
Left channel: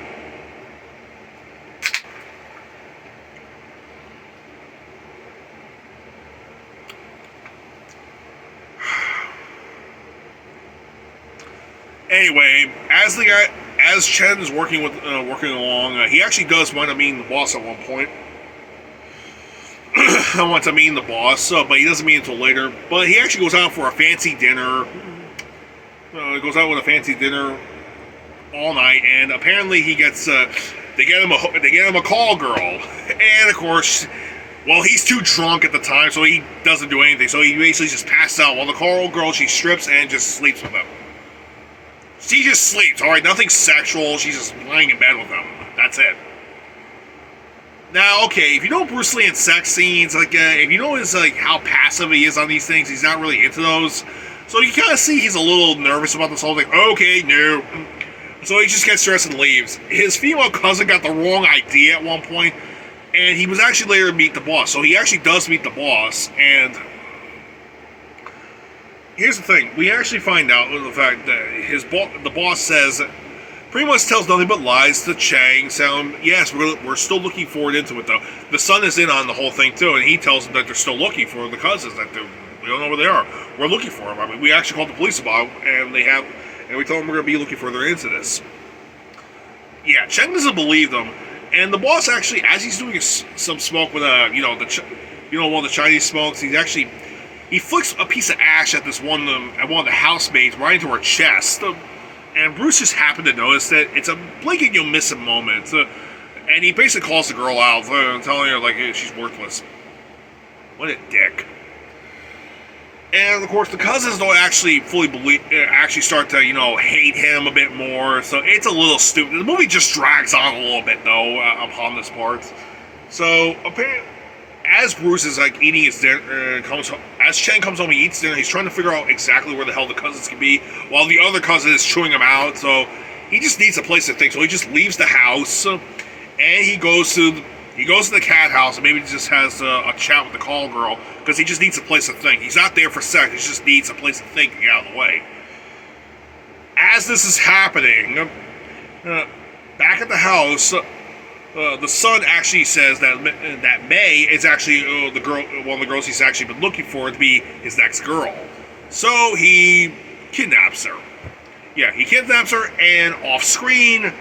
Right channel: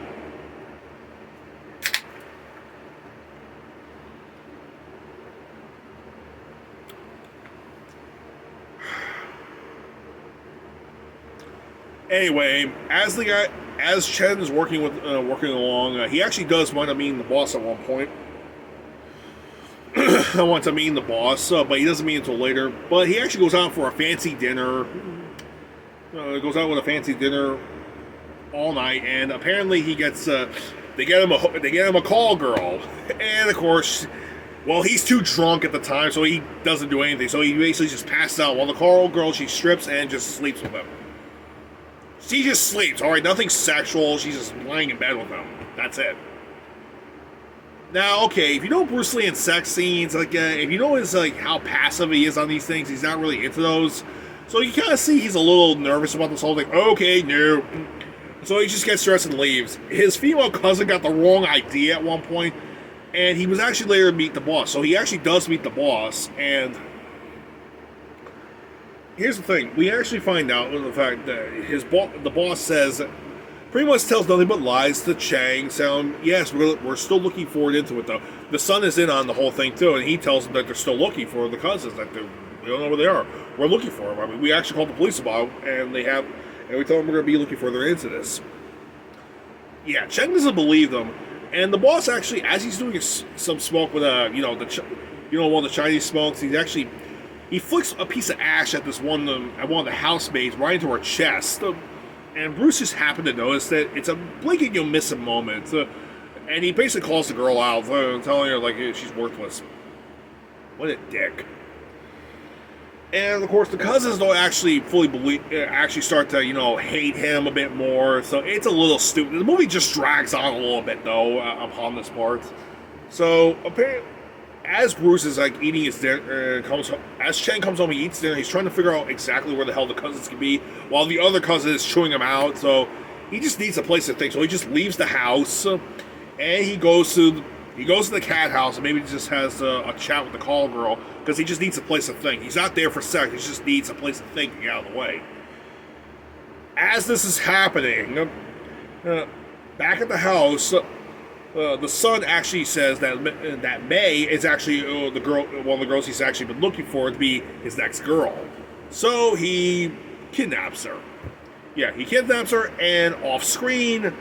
Anyway, as Chen is working along, he actually does wind up meeting the boss at one point. I want to meet the boss, but he doesn't meet until later. But he actually goes out for a fancy dinner. Goes out with a fancy dinner all night, and apparently he gets they get him a call girl, and of course, well, he's too drunk at the time, so he doesn't do anything. So he basically just passes out while the call girl, she strips and just sleeps with him. She just sleeps, all right, nothing sexual. She's just lying in bed with him. That's it. Now, okay, if you know Bruce Lee in sex scenes, like if you know his how passive he is on these things, he's not really into those. So you kind of see he's a little nervous about this whole thing. Okay, no. So he just gets dressed and leaves. His female cousin got the wrong idea at one point, and he was actually later to meet the boss. So he actually does meet the boss, and here's the thing. We actually find out the fact that the boss says, pretty much tells nothing but lies to Chang, saying, yes, we're still looking forward into it, though. The son is in on the whole thing, too, and he tells them that they're still looking for the cousins, that we don't know where they are. We're looking for them. I mean, we actually called the police about them, and we told them we're going to be looking further into this. Yeah, Cheng doesn't believe them, and the boss actually, as he's doing some smoke with one of the Chinese smokes, he flicks a piece of ash at one of the housemaids right into her chest, and Bruce just happened to notice that it's a blink and you'll miss a moment, and he basically calls the girl out, telling her she's worthless. What a dick. And of course, the cousins don't actually start to hate him a bit more. So it's a little stupid. The movie just drags on a little bit though upon this part. So apparently, as Bruce is eating his dinner, as Chen comes home, he eats dinner. He's trying to figure out exactly where the hell the cousins can be, while the other cousin is chewing him out. So he just needs a place to think. So he just leaves the house, and he goes to the cat house and maybe just has a chat with the call girl, because he just needs a place to think. He's not there for sex. He just needs a place to think and get out of the way. As this is happening, back at the house, the son actually says that May is actually one of the girls he's actually been looking for to be his next girl. So he kidnaps her. Yeah, he kidnaps her, and off screen,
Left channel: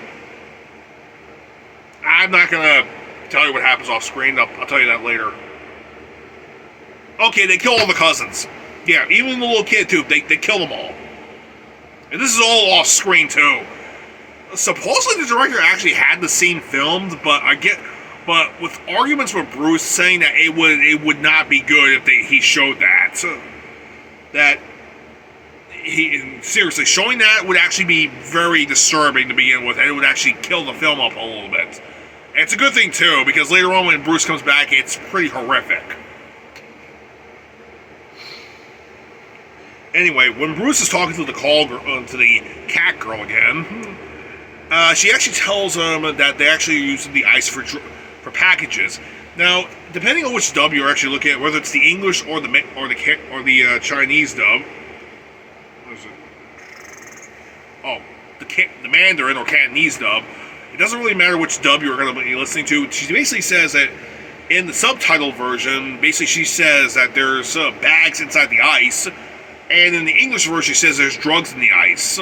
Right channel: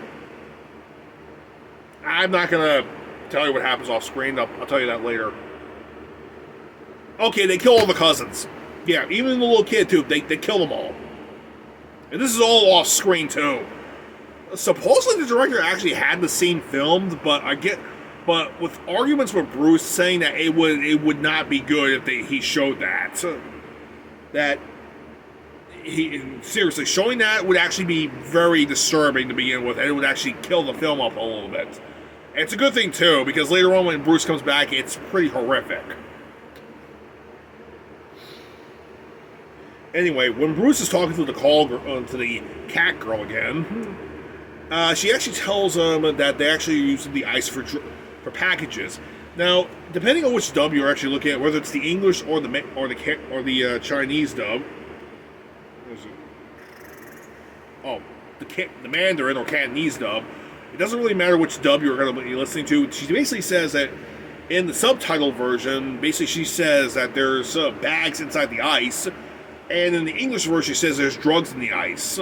I'm not gonna tell you what happens off screen. I'll tell you that later. Okay, they kill all the cousins. Yeah, even the little kid too. They kill them all. And this is all off screen too. Supposedly the director actually had the scene filmed, but with arguments with Bruce saying that it would not be good if he showed that. So that seriously showing that would actually be very disturbing to begin with, and it would actually kill the film up a little bit. And it's a good thing too, because later on when Bruce comes back, it's pretty horrific. Anyway, when Bruce is talking to the to the cat girl again, she actually tells him that they actually use the ice for packages. Now, depending on which dub you're actually looking at, whether it's the English or the Chinese dub, what is it? Oh, the Mandarin or Cantonese dub. It doesn't really matter which dub you're going to be listening to. She basically says that in the subtitle version, basically she says that there's bags inside the ice, and in the English version she says there's drugs in the ice.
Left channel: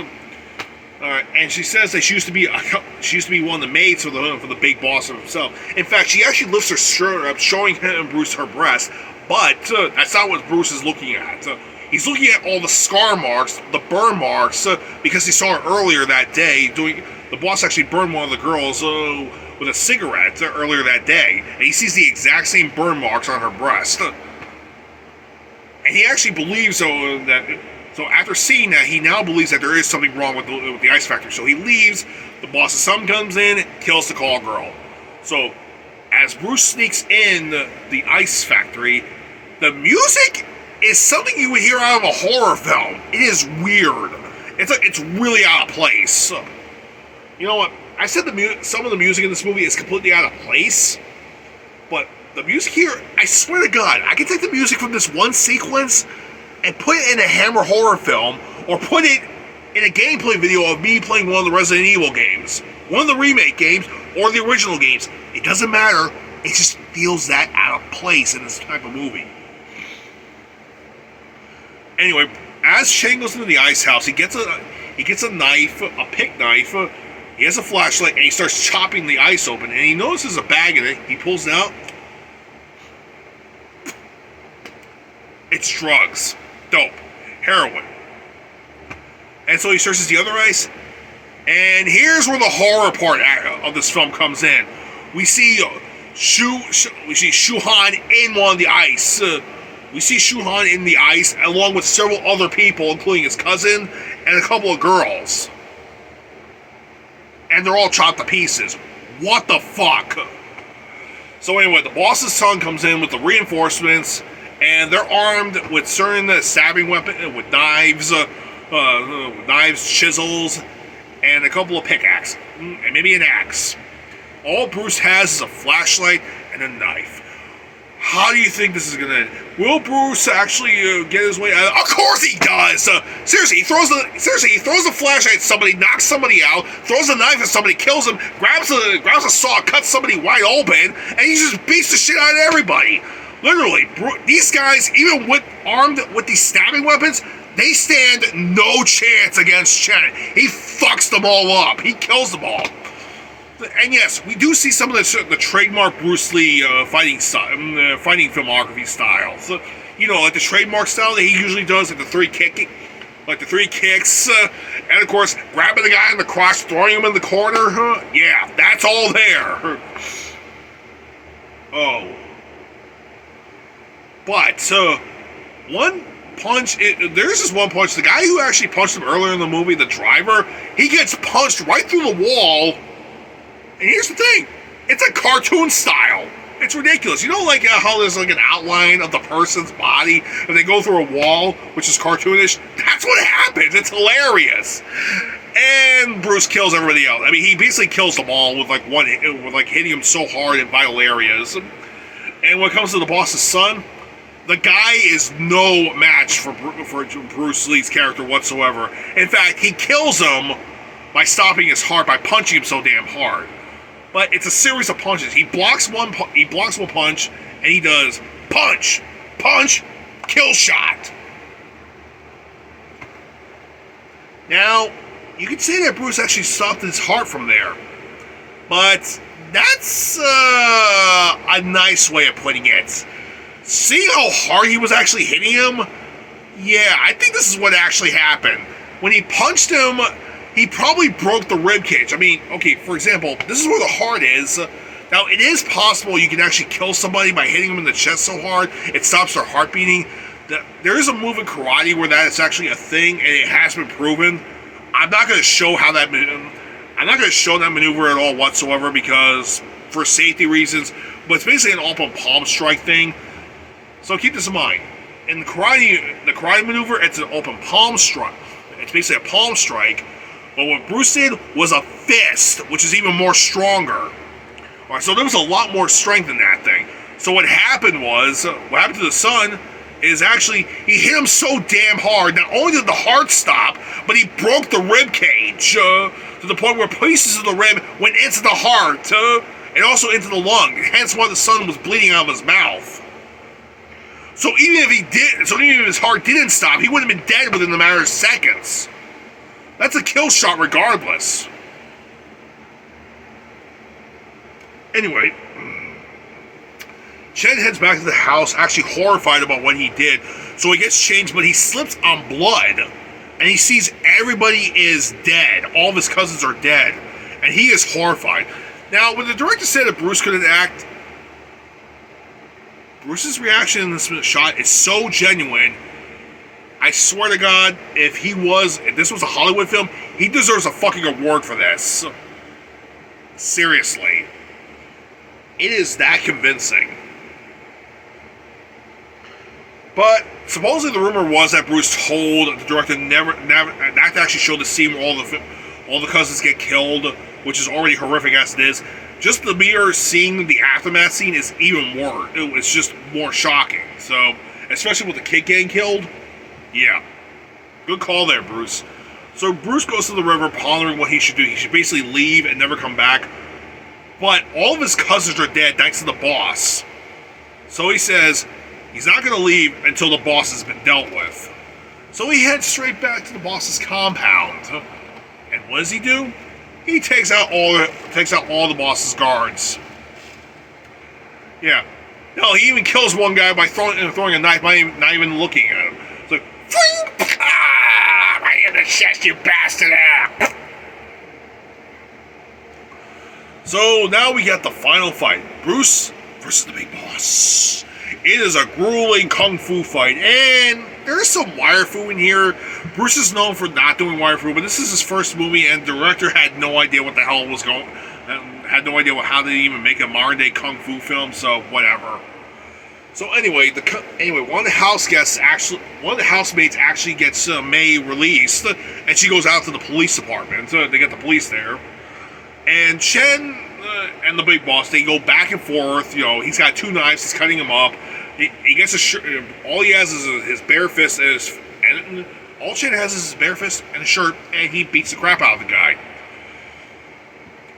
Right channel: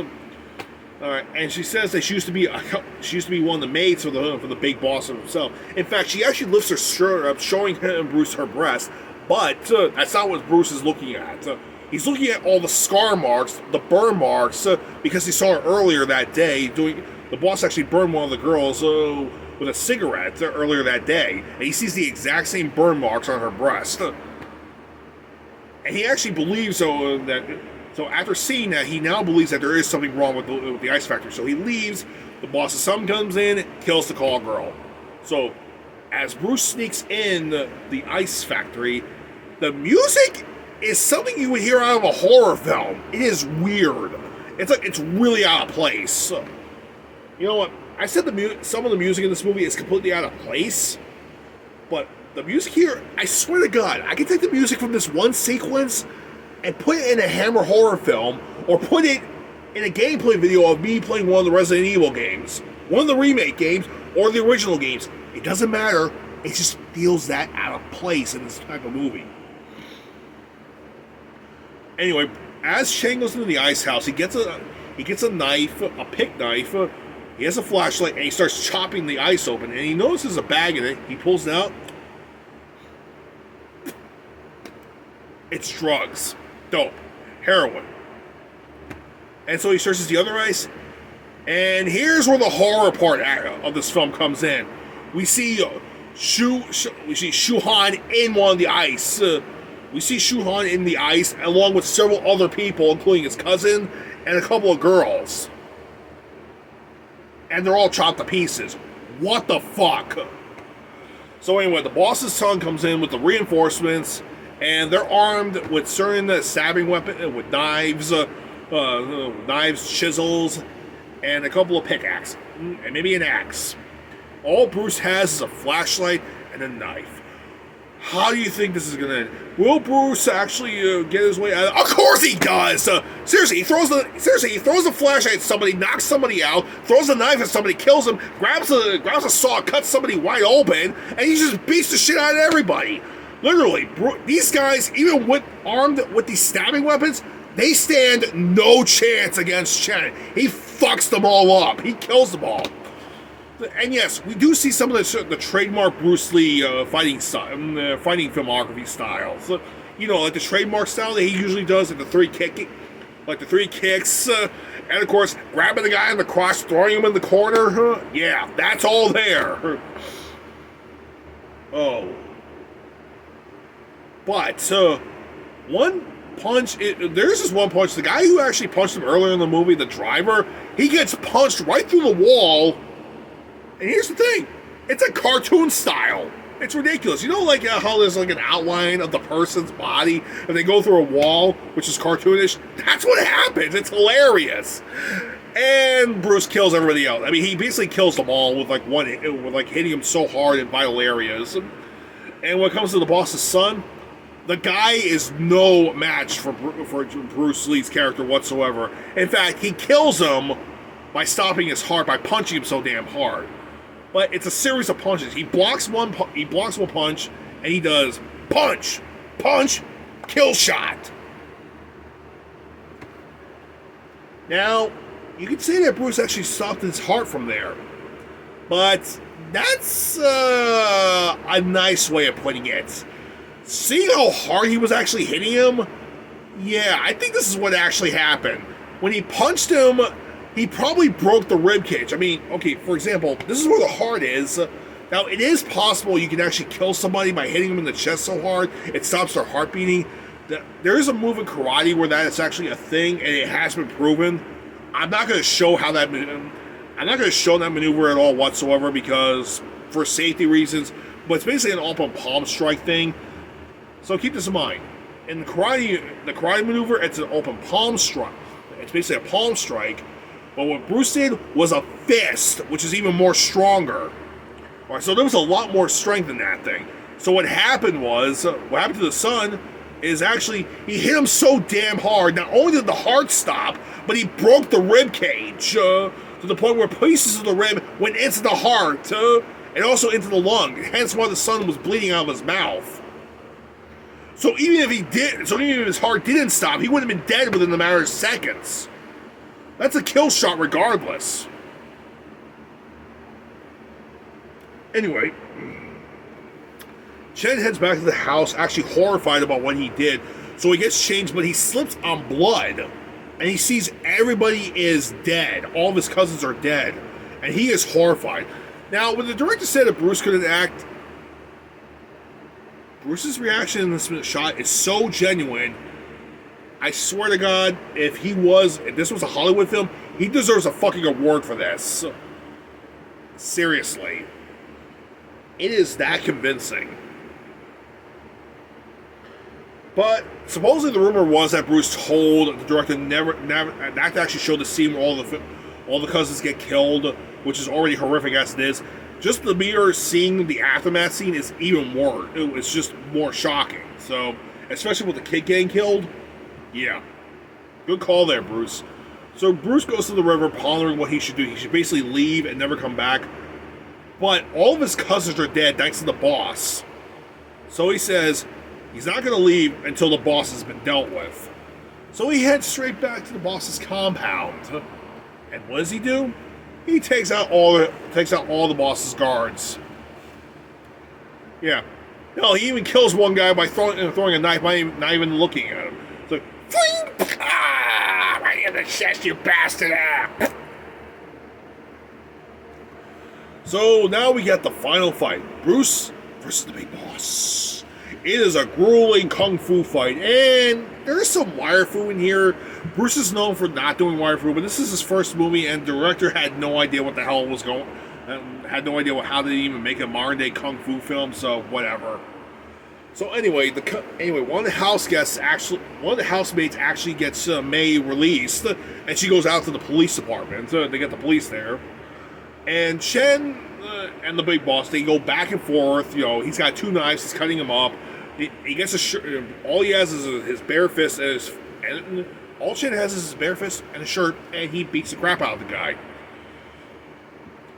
And she says that she used to be one of the maids for the big boss himself. In fact, she actually lifts her shirt up, showing him and Bruce her breast. But that's not what Bruce is looking at. He's looking at all the scar marks, the burn marks, because he saw her earlier that day the boss actually burned one of the girls with a cigarette earlier that day, and he sees the exact same burn marks on her breast. And he actually believes So after seeing that, he now believes that there is something wrong with the ice factory. So he leaves. The boss's son comes in, kills the call girl. So as Bruce sneaks in the ice factory, the music is something you would hear out of a horror film. It is weird. It's really out of place. You know what? I said some of the music in this movie is completely out of place, but the music here, I swear to God, I can take the music from this one sequence and put it in a Hammer horror film, or put it in a gameplay video of me playing one of the Resident Evil games, one of the remake games, or the original games. It doesn't matter. It just feels that out of place in this type of movie. Anyway, as Chen goes into the ice house, he gets a knife, a pick knife. He has a flashlight, and he starts chopping the ice open. And he notices a bag in it. He pulls it out. It's drugs, dope, heroin. And so he searches the other ice. And here's where the horror part of this film comes in. We see Shu-Han in one of the ice. We see Shu-Han in the ice along with several other people, including his cousin and a couple of girls. And they're all chopped to pieces. What the fuck? So anyway, the boss's son comes in with the reinforcements, and they're armed with certain stabbing weapons, with knives, chisels, and a couple of pickaxes, and maybe an axe. All Bruce has is a flashlight and a knife. How do you think this is going to end? Will Bruce actually get his way out? Of course he does! Seriously, he throws the flashlight at somebody, knocks somebody out, throws the knife at somebody, kills him, grabs a saw, cuts somebody wide open, and he just beats the shit out of everybody. Literally, these guys, even armed with these stabbing weapons, they stand no chance against Chen. He fucks them all up. He kills them all. And yes, we do see some of the trademark Bruce Lee fighting filmography styles. Like the trademark style that he usually does, like the three kicks, and of course, grabbing the guy in the crotch, throwing him in the corner. Yeah, that's all there. Oh. But, one punch, there's this one punch, the guy who actually punched him earlier in the movie, the driver, he gets punched right through the wall. And here's the thing, it's a cartoon style. It's ridiculous. You know, like how there's like an outline of the person's body and they go through a wall, which is cartoonish? That's what happens. It's hilarious. And Bruce kills everybody else. I mean, he basically kills them all with hitting them so hard in vital areas. And when it comes to the boss's son, the guy is no match for Bruce Lee's character whatsoever. In fact, he kills him by stopping his heart, by punching him so damn hard. But it's a series of punches. He blocks one punch, and he does punch, kill shot. Now, you could say that Bruce actually stopped his heart from there, but that's a nice way of putting it. Seeing how hard he was actually hitting him, yeah, I think this is what actually happened. When he punched him, he probably broke the rib cage. I mean, okay, for example, this is where the heart is. Now, it is possible you can actually kill somebody by hitting them in the chest so hard it stops their heart beating. There is a move in karate where that is actually a thing, and it has been proven. I'm not going to show that maneuver at all whatsoever because for safety reasons. But it's basically an open palm strike thing. So keep this in mind. In the karate maneuver, it's an open palm strike. It's basically a palm strike. But what Bruce did was a fist, which is even more stronger. All right, so there was a lot more strength in that thing. So what happened to the son is actually he hit him so damn hard. Not only did the heart stop, but he broke the rib cage to the point where pieces of the rib went into the heart and also into the lung. Hence why the son was bleeding out of his mouth. So even if his heart didn't stop, he would have been dead within a matter of seconds. That's a kill shot regardless. Anyway, Chen heads back to the house, actually horrified about what he did. So he gets changed, but he slips on blood. And he sees everybody is dead. All of his cousins are dead. And he is horrified. Now, when the director said that Bruce couldn't act, Bruce's reaction in this shot is so genuine. I swear to God, if this was a Hollywood film, he deserves a fucking award for this. Seriously. It is that convincing. But supposedly the rumor was that Bruce told the director never not to actually show the scene where all the cousins get killed, which is already horrific as it is. Just the mere seeing the aftermath scene is even more. It's just more shocking. So, especially with the kid getting killed. Yeah. Good call there, Bruce. So Bruce goes to the river pondering what he should do. He should basically leave and never come back. But all of his cousins are dead thanks to the boss. So he says he's not going to leave until the boss has been dealt with. So he heads straight back to the boss's compound. And what does he do? He takes out all the boss's guards. Yeah. No, he even kills one guy by throwing a knife, not even looking at him. It's like, Fling! Ah! Right in the chest, you bastard! Ah! So now we get the final fight. Bruce versus the big boss. It is a grueling kung fu fight, and there's some wire fu in here. Bruce is known for not doing wire fu, but this is his first movie, and the director had no idea what the hell was going. Had no idea how they even make a modern day kung fu film. So whatever. So anyway, one of the housemates actually gets May released, and she goes out to the police department. They get the police there, and Chen and the big boss, they go back and forth. You know, he's got two knives. He's cutting him up. He gets a shirt. All he has is his bare fist, and all Chen has is his bare fist and a shirt, and he beats the crap out of the guy.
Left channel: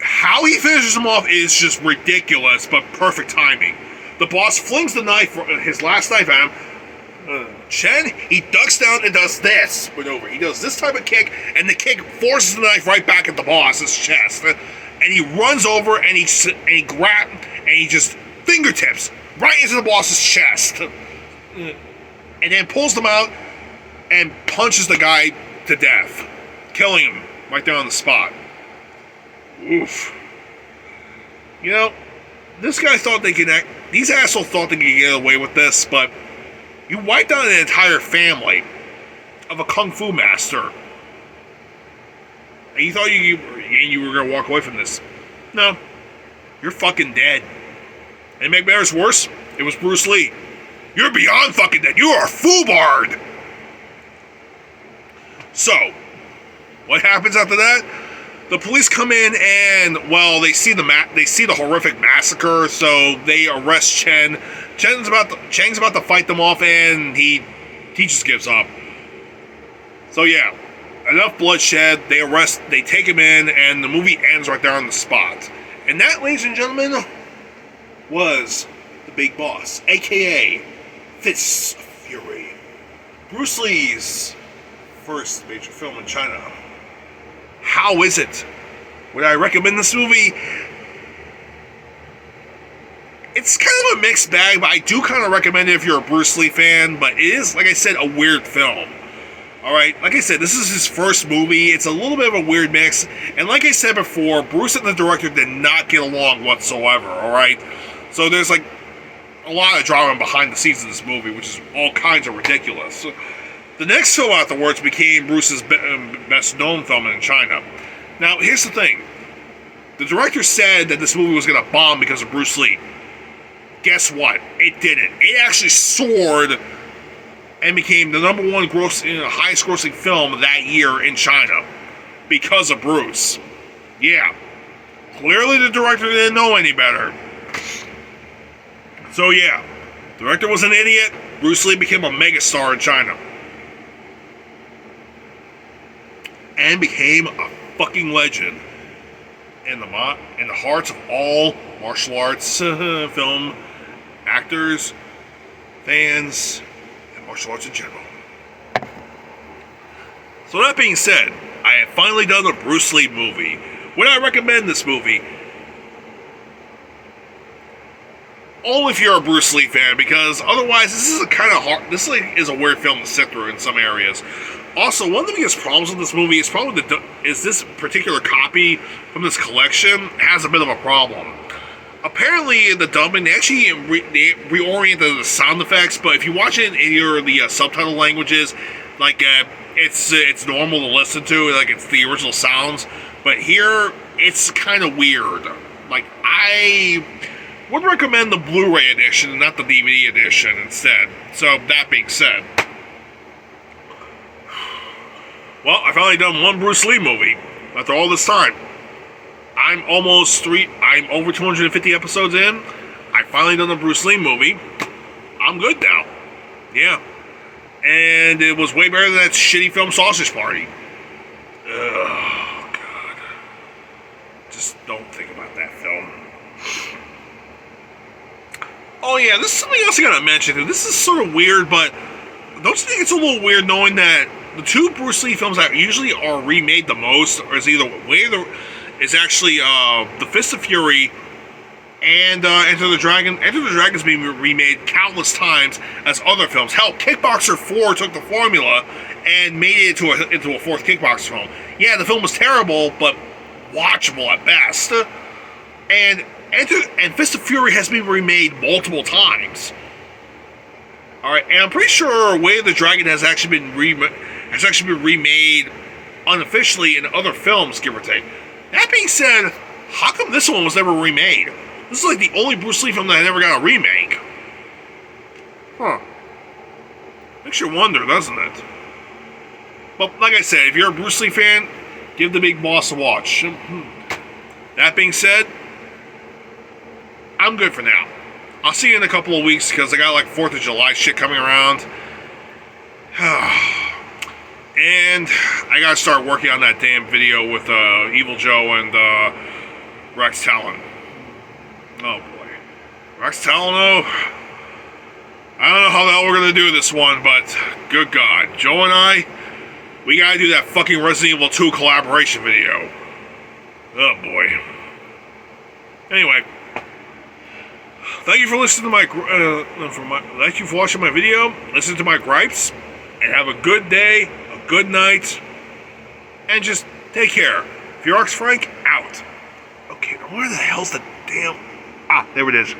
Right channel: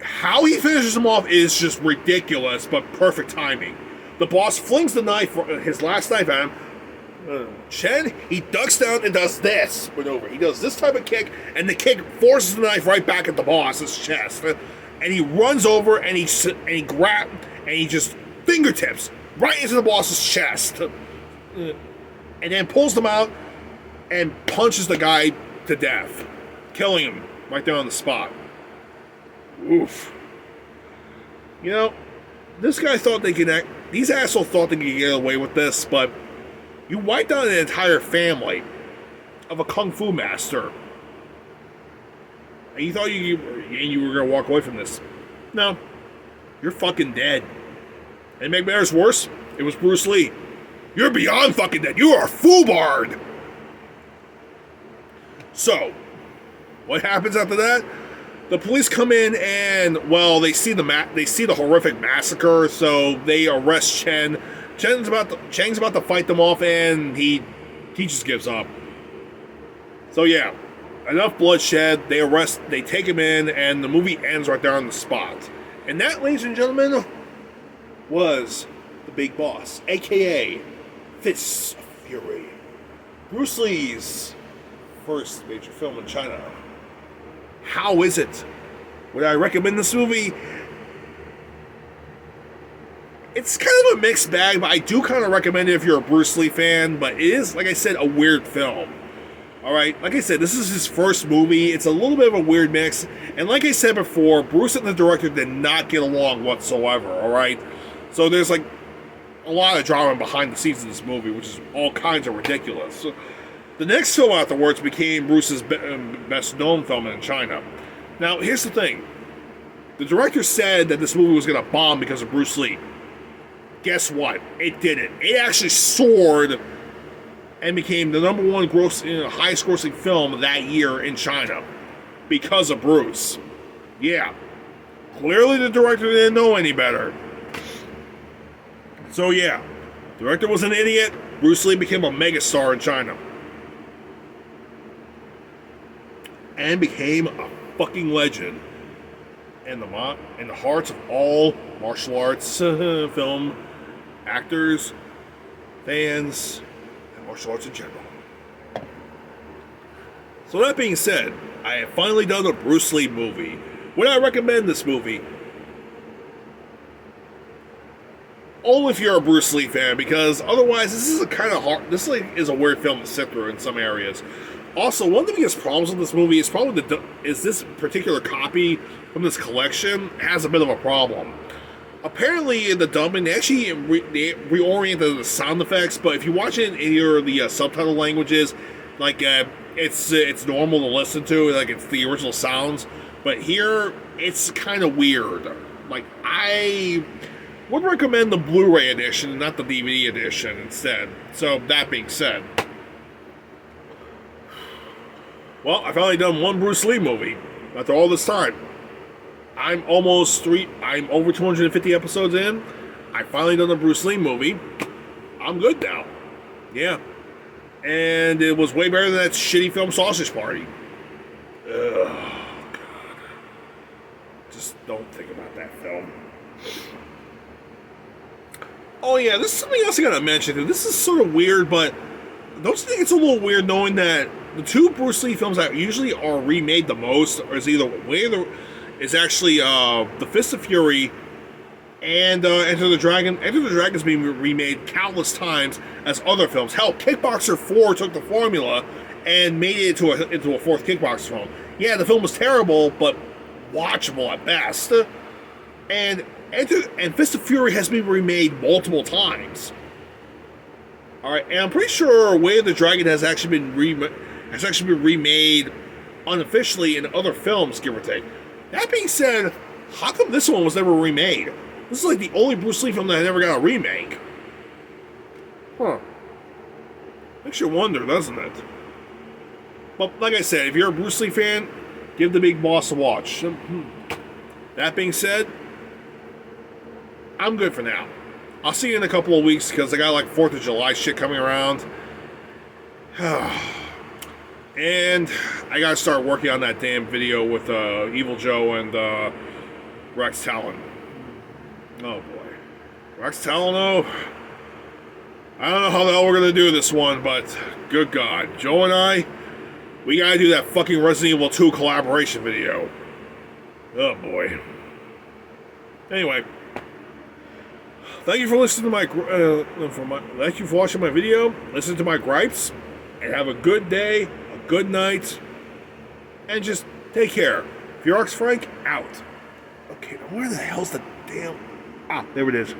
How he finishes him off is just ridiculous, but perfect timing. The boss flings the knife, his last knife at him. Chen, he ducks down and does this maneuver. He does this type of kick, and the kick forces the knife right back at the boss's chest. And he runs over and he just fingertips right into the boss's chest, and then pulls them out and punches the guy to death, killing him right there on the spot. Oof. You know, this guy thought these assholes thought they could get away with this, but you wiped out an entire family of a kung fu master. And you thought you were going to walk away from this. No. You're fucking dead. And to make matters worse, it was Bruce Lee. You're beyond fucking dead. You are a foolbard. So, what happens after that? The police come in and, well, they see the horrific massacre, so they arrest Chen. Cheng's about to fight them off, and he just gives up. So yeah, enough bloodshed. They take him in, and the movie ends right there on the spot. And that, ladies and gentlemen, was the big boss, aka Fists of Fury, Bruce Lee's first major film in China. How is it? Would I recommend this movie? It's kind of a mixed bag, but I do kind of recommend it if you're a Bruce Lee fan. But it is, like I said, a weird film. Alright, like I said, this is his first movie. It's a little bit of a weird mix. And like I said before, Bruce and the director did not get along whatsoever, alright? So there's like a lot of drama behind the scenes of this movie, which is all kinds of ridiculous. So, the next film afterwards became Bruce's best known film in China. Now, here's the thing. The director said that this movie was going to bomb because of Bruce Lee. Guess what? It didn't. It actually soared and became the number one highest grossing film that year in China because of Bruce. Yeah. Clearly the director didn't know any better. So yeah, the director was an idiot. Bruce Lee became a megastar in China. And became a fucking legend in the hearts of all martial arts film actors, fans, and martial arts in general. So that being said, I have finally done a Bruce Lee movie. Would I recommend this movie? Only if you're a Bruce Lee fan, because otherwise this is a kind of hard. This is a weird film to sit through in some areas. Also, one of the biggest problems with this movie is probably this particular copy from this collection has a bit of a problem. Apparently, in the dubbing, they actually reoriented the sound effects, but if you watch it in either of the subtitle languages, like it's normal to listen to, like it's the original sounds. But here, it's kind of weird. Like, I would recommend the Blu-ray edition, not the DVD edition instead. So that being said. Well, I finally done one Bruce Lee movie after all this time. I'm over 250 episodes in. I finally done a Bruce Lee movie. I'm good now. Yeah. And it was way better than that shitty film Sausage Party. Oh, God. Just don't think about that film. Oh, yeah, this is something else I gotta mention. This is sort of weird, but don't you think it's a little weird knowing that the two Bruce Lee films that usually are remade the most is either is actually The Fist of Fury and Enter the Dragon. Enter the Dragon is being remade countless times as other films. Hell, Kickboxer 4 took the formula and made it into a fourth Kickboxer film. Yeah, the film was terrible, but watchable at best. And Fist of Fury has been remade multiple times. All right, and I'm pretty sure Way of the Dragon has actually been remade unofficially in other films, give or take. That being said, how come this one was never remade? This is like the only Bruce Lee film that never got a remake. Huh. Makes you wonder, doesn't it? But like I said, if you're a Bruce Lee fan, give The Big Boss a watch. That being said, I'm good for now. I'll see you in a couple of weeks because I got like 4th of July shit coming around. And I gotta start working on that damn video with Evil Joe and Rex Talon. Oh boy. Rex Talon, I don't know how the hell we're gonna do this one, but good God. Joe and I, we gotta do that fucking Resident Evil 2 collaboration video. Oh boy. Anyway. Thank you for listening to thank you for watching my video, listen to my gripes, and have a good day, a good night, and just take care. Furiox Frank, out. Okay, where the hell's the damn... there it is.